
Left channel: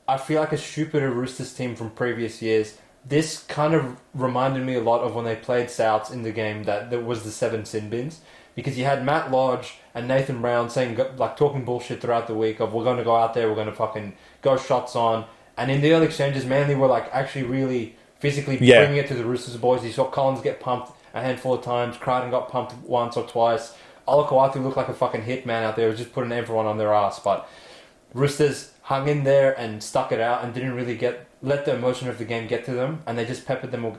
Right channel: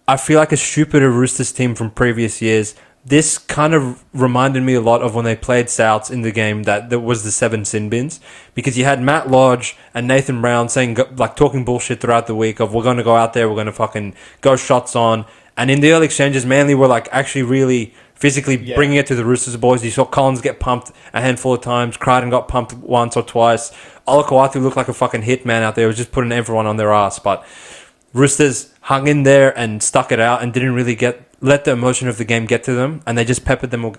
I feel like a stupider Roosters team from previous years. This kind of reminded me a lot of when they played Souths in the game that was the 7 sin bins, because you had Matt Lodge and Nathan Brown saying, like, talking bullshit throughout the week of, we're going to go out there, we're going to fucking go shots on. And in the early exchanges, Manly were like actually really physically bringing it to the Roosters boys. You saw Collins get pumped a handful of times. Crichton got pumped once or twice. Olakau'atu looked like a fucking hitman out there. He was just putting everyone on their ass. But Roosters hung in there and stuck it out and didn't really let the emotion of the game get to them, and they just peppered them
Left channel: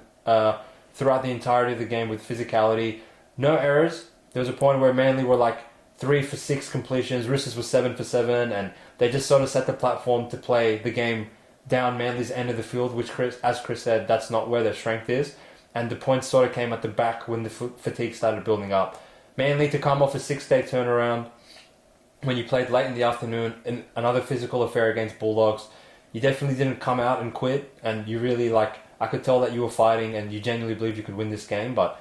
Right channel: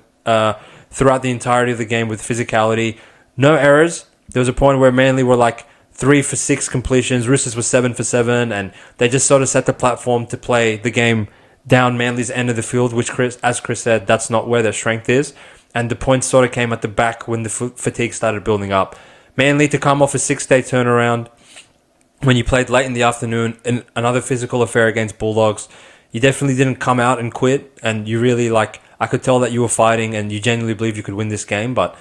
throughout the entirety of the game with physicality. No errors. There was a point where Manly were like 3 for 6 completions. Roosters were 7 for 7, and they just sort of set the platform to play the game down Manly's end of the field, which, as Chris said, that's not where their strength is. And the points sort of came at the back when the fatigue started building up. Manly to come off a 6-day turnaround when you played late in the afternoon in another physical affair against Bulldogs. You definitely didn't come out and quit, and you really I could tell that you were fighting and you genuinely believed you could win this game. But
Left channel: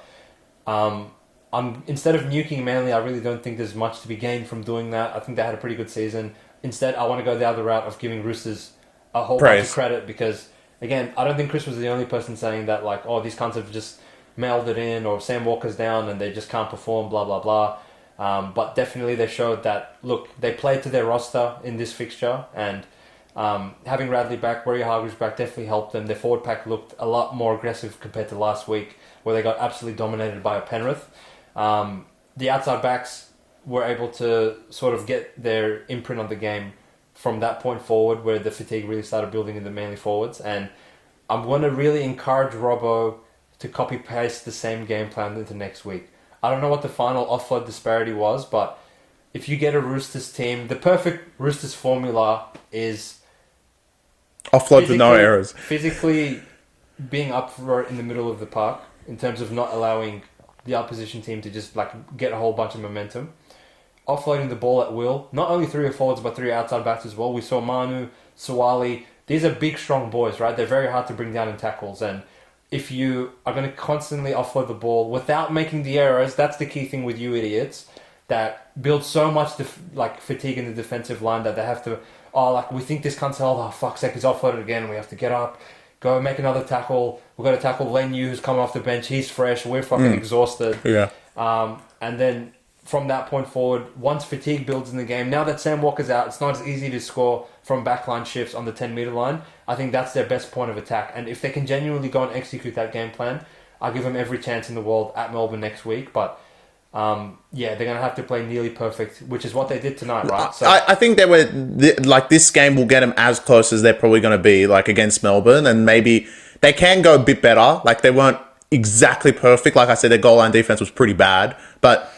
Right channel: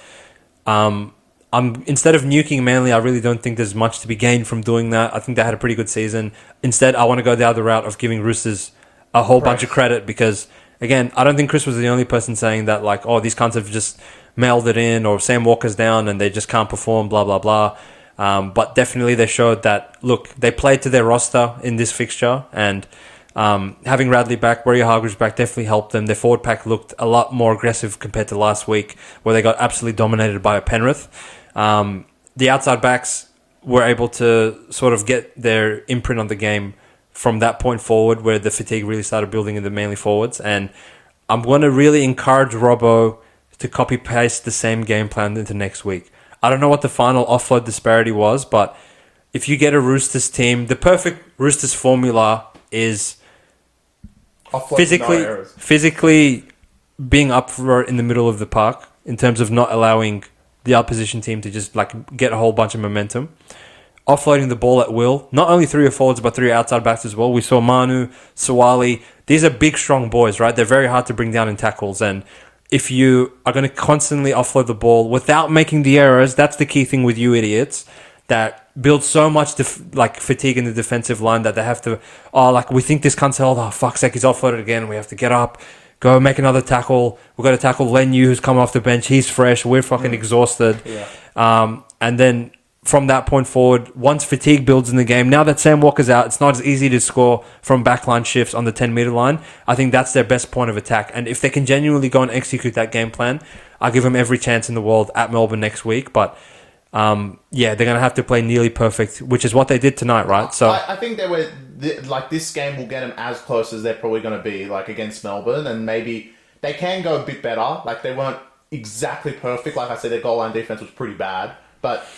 instead of nuking Manly, I really don't think there's much to be gained from doing that. I think they had a pretty good season. Instead, I want to go down the route of giving Roosters a whole bunch of credit because, again, I don't think Chris was the only person saying that, these cunts have just mailed it in, or Sam Walker's down and they just can't perform, blah, blah, blah. But definitely they showed that, look, they played to their roster in this fixture, and having Radley back, Warrior-Hargreaves back definitely helped them. Their forward pack looked a lot more aggressive compared to last week, where they got absolutely dominated by Penrith. The outside backs were able to sort of get their imprint on the game from that point forward, where the fatigue really started building in the Manly forwards. And I'm going to really encourage Robbo to copy-paste the same game plan into next week. I don't know what the final offload disparity was, but if you get a Roosters team, the perfect Roosters formula is offload with no errors. Physically being up for it in the middle of the park in terms of not allowing the opposition team to just get a whole bunch of momentum. Offloading the ball at will. Not only 3 forwards, but 3 outside backs as well. We saw Manu, Sawali. These are big, strong boys, right? They're very hard to bring down in tackles. And if you are going to constantly offload the ball without making the errors, that's the key thing with you idiots that build so much fatigue in the defensive line that they have to, we think this cunt's held, fuck's sake, he's offloaded again. We have to get up, go make another tackle. We've got to tackle Lenu, who's come off the bench. He's fresh. We're fucking exhausted. Yeah. And then from that point forward, once fatigue builds in the game, now that Sam Walker's out, it's not as easy to score from backline shifts on the 10-meter line. I think that's their best point of attack. And if they can genuinely go and execute that game plan, I'll give them every chance in the world at Melbourne next week. But they're going to have to play nearly perfect, which is what they did tonight, right? So I think they were this game will get them as close as they're probably going to be against Melbourne, and maybe they can go a bit better. They weren't exactly perfect. Like I said, their goal line defense was pretty bad, but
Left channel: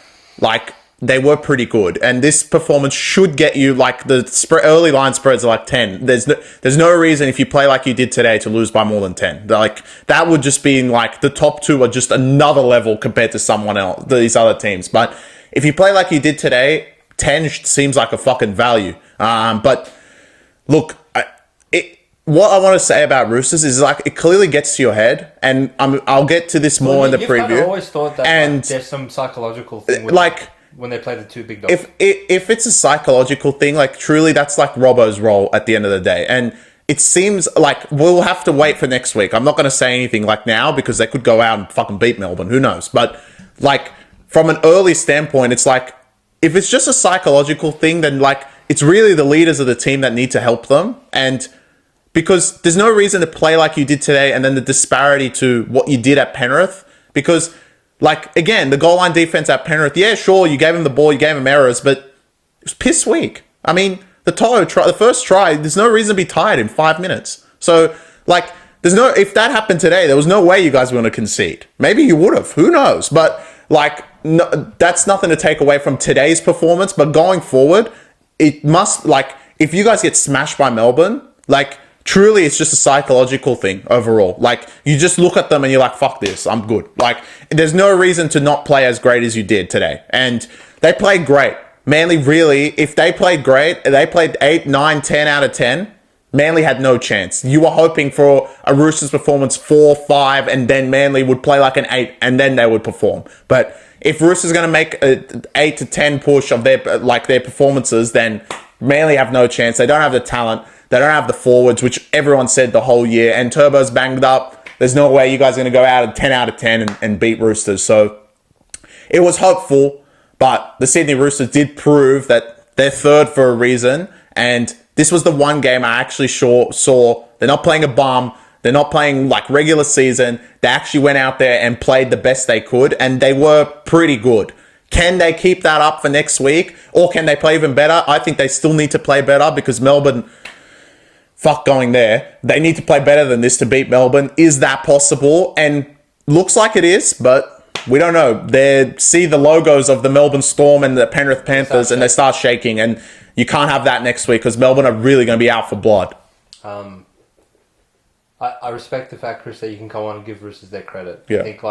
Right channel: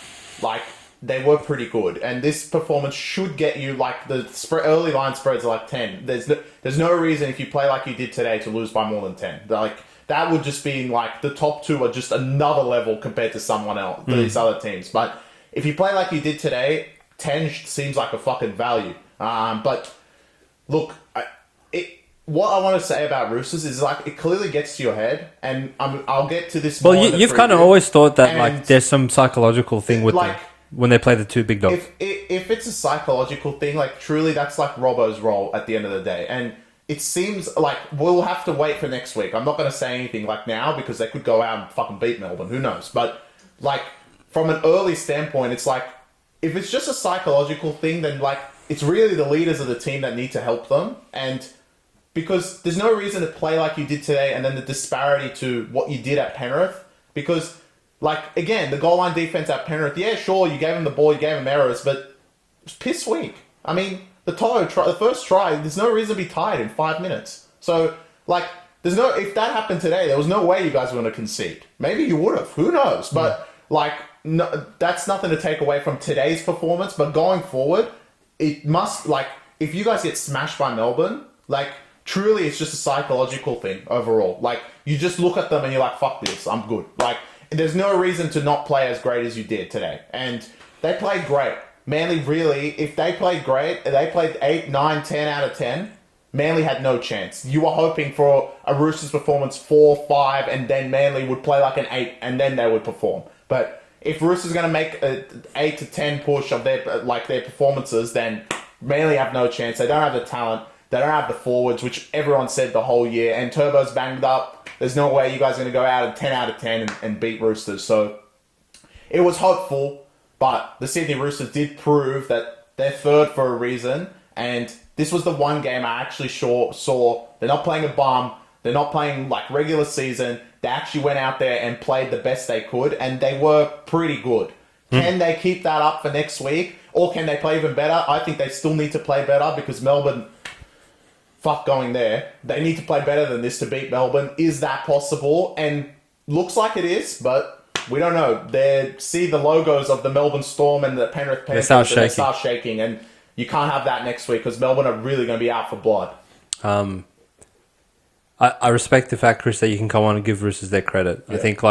they were pretty good. And this performance should get you the early line spreads are 10. There's no reason if you play like you did today to lose by more than 10. That would just be the top 2 are just another level compared to someone else, these other teams. But if you play like you did today, 10 seems like a fucking value. But look, what I want to say about Roosters is it clearly gets to your head, and I'll get to this more in the preview. You've kind of always thought that there's some psychological thing with them when they play the 2 big dogs. If it's a psychological thing, truly that's Robbo's role at the end of the day, and it seems we'll have to wait for next week. I'm not going to say anything now because they could go out and fucking beat Melbourne. Who knows? But from an early standpoint, it's if it's just a psychological thing, then it's really the leaders of the team that need to help them. And because there's no reason to play like you did today and then the disparity to what you did at Penrith. Because, again, the goal line defense at Penrith, yeah, sure, you gave him the ball, you gave him errors, but it was piss weak. I mean, the first try, there's no reason to be tired in 5 minutes. So, if that happened today, there was no way you guys were going to concede. Maybe you would have. Who knows? But, no, that's nothing to take away from today's performance. But going forward, it must, if you guys get smashed by Melbourne, truly, it's just a psychological thing overall. You just look at them and you're fuck this, I'm good. There's no reason to not play as great as you did today. And they played great. Manly really, if they played great, they played 8, 9, 10 out of 10, Manly had no chance. You were hoping for a Roosters performance 4, 5, and then Manly would play an 8, and then they would perform. But if Roosters going to make an 8 to 10 push of their performances, then Manly have no chance. They don't have the talent. They don't have the forwards, which everyone said the whole year. And Turbo's banged up. There's no way you guys are going to go out of 10 and beat Roosters. So it was hopeful, but the Sydney Roosters did prove that they're third for a reason. And this was the one game I actually saw. They're not playing a bum. They're not playing regular season. They actually went out there and played the best they could. And they were pretty good. Can they keep that up for next week? Or can they play even better? I think they still need to play better because Melbourne... Fuck going there. They need to play better than this to beat Melbourne. Is that possible? And looks like it is, but we don't know. They see the logos of the Melbourne Storm and the Penrith Panthers and they start shaking. And you can't have that next week because Melbourne are really going to be out for blood. I respect the fact, Chris, that you can come on and give Roosters their credit. Yeah. I think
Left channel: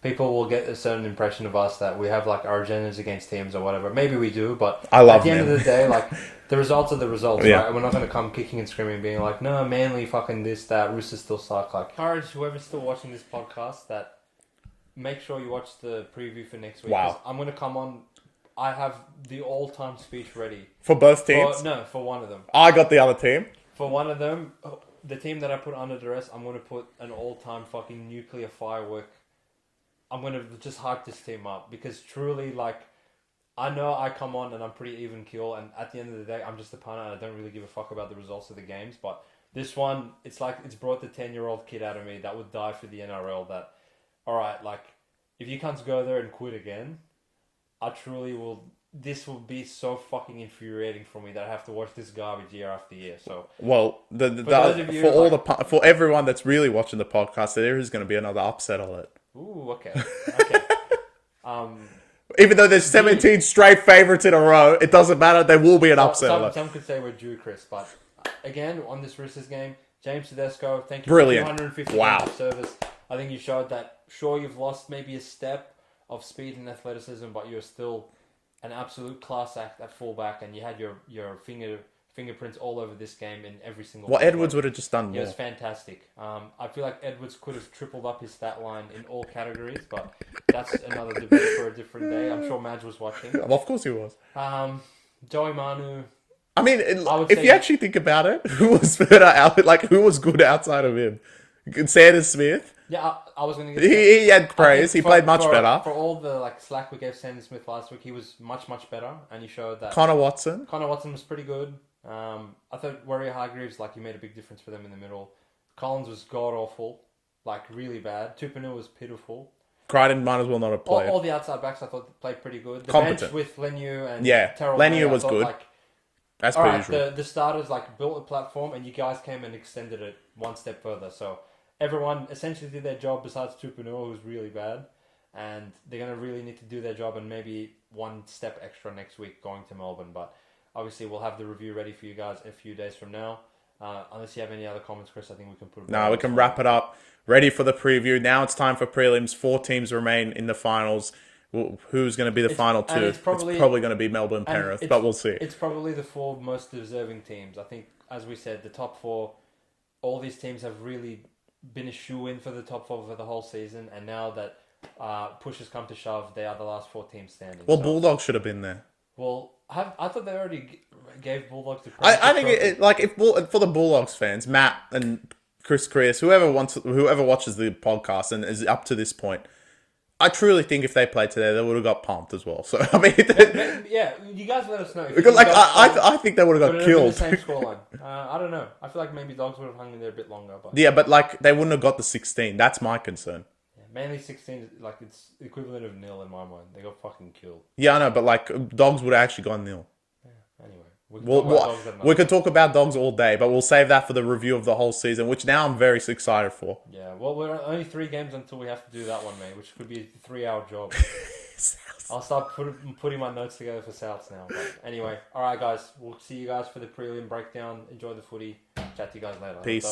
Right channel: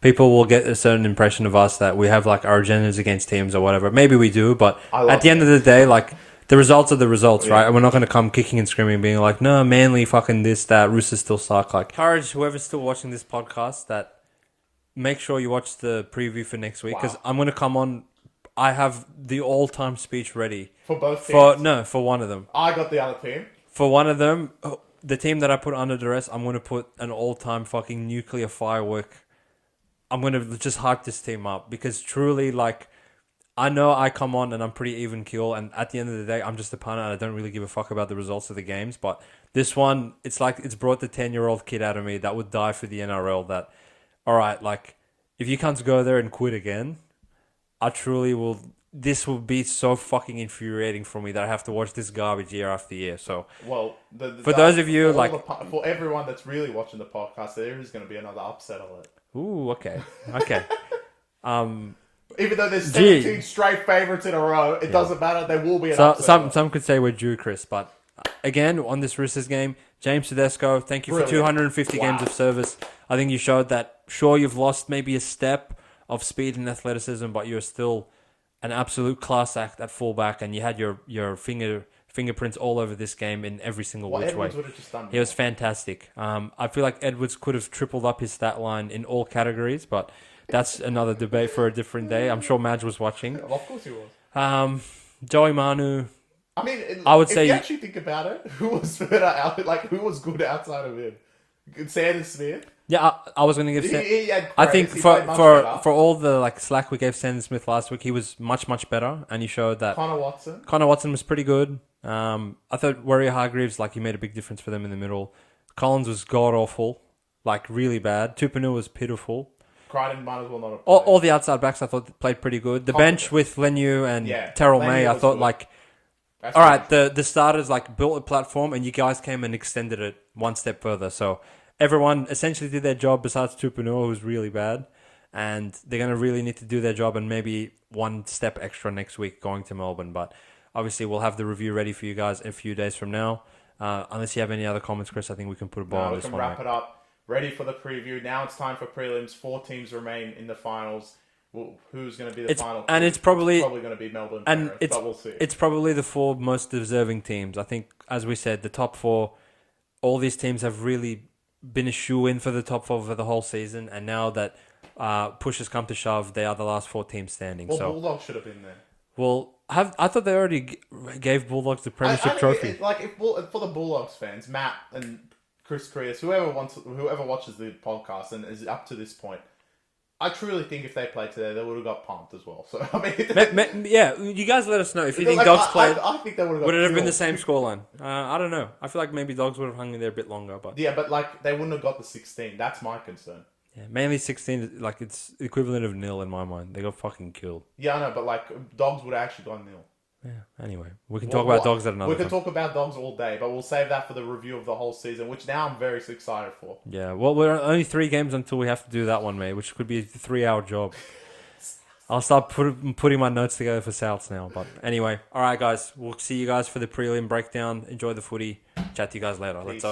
people will get a certain impression of us that we have like our agendas against teams or whatever. Maybe we do, but at the end of the day, like the results are the results, right? And we're not going to come kicking and screaming, being like, no, Manly fucking this, that, Roosters still suck. Like, encourage whoever's still watching this podcast that make sure you watch the preview for next week because I'm going to come on. I have the all-time speech ready for both teams. For one of them. I got the other team. For one of them, the team that I put under duress, I'm going to put an all-time fucking nuclear firework. I'm going to just hype this team up because truly, like, I know I come on and I'm pretty even keel, and at the end of the day, I'm just a punter and I don't really give a fuck about the results of the games. But this one, it's like it's brought the 10-year-old kid out of me that would die for the NRL. That, all right, like, if you can't go there and quit again, I truly will. This will be so fucking infuriating for me that I have to watch this garbage year after year. So, well, for those of you, for everyone that's really watching the podcast, there is going to be another upset alert. Ooh, okay. Even though there's 17 straight favourites in a row, it doesn't matter. There will be an upset. Some could say we're due, Chris. But again, on this Roosters game, James Tedesco, thank you for 250 games of service. I think you showed that, sure, you've lost maybe a step of speed and athleticism, but you're still an absolute class act at fullback, and you had your fingerprints all over this game in every single way. Edwards would have just done more. He was fantastic. I feel like Edwards could have tripled up his stat line in all categories, but that's another debate for a different day. I'm sure Madge was watching. Of course he was. Joey Manu. I mean, if you actually think about it, who was better out? Like, who was good outside of him? Sanders Smith. Yeah, I was going to get. He had praise. He played much better. For all the like slack we gave Sanders Smith last week, he was much better, and he showed that. Connor Watson was pretty good. I thought Warrior Hargreaves, like, he made a big difference for them in the middle. Collins was god awful, like really bad. Tupanu was pitiful. Crichton might as well not have played. All the outside backs I thought played pretty good. The bench with Leniu and Terrell May, I thought good. Like. That's all right, the starters like built a platform, and you guys came and extended it one step further. So everyone essentially did their job besides Tupanu, who's really bad, and they're going to really need to do their job and maybe one step extra next week going to Melbourne. But obviously, we'll have the review ready for you guys a few days from now. Unless you have any other comments, Chris, I think we can put it. No, we can wrap it up. Ready for the preview. Now it's time for prelims. 4 teams remain in the finals. Who's going to be the final 2? And it's probably going to be Melbourne, Penrith, but we'll see. It's probably the 4 most deserving teams. I think, as we said, the top 4, all these teams have really been a shoe-in for the top 4 for the whole season, and now that push has come to shove, they are the last 4 teams standing. Well, Bulldogs should have been there. Well, I thought they already gave Bulldogs the Premiership trophy. For the Bulldogs fans, Matt and Chris, whoever watches the podcast and is up to this point, I truly think if they played today, they would have got pumped as well. So I mean, yeah, you guys let us know if you think Dogs played. I think they would have got killed. Would it have been the same scoreline? I don't know. I feel like maybe Dogs would have hung in there a bit longer, but like they wouldn't have got the 16. That's my concern. Yeah, mainly 16. Like, it's equivalent of nil in my mind. They got fucking killed. Yeah, I know, but like Dogs would have actually gone nil. Yeah. Anyway, we can talk about Dogs at another. We could talk about Dogs all day, but we'll save that for the review of the whole season, which now I'm very excited for. Yeah, well, we're only 3 games until we have to do that one, mate, which could be a 3-hour job. I'll start putting my notes together for Souths now. But anyway, all right, guys, we'll see you guys for the prelim breakdown. Enjoy the footy. Chat to you guys later. Peace.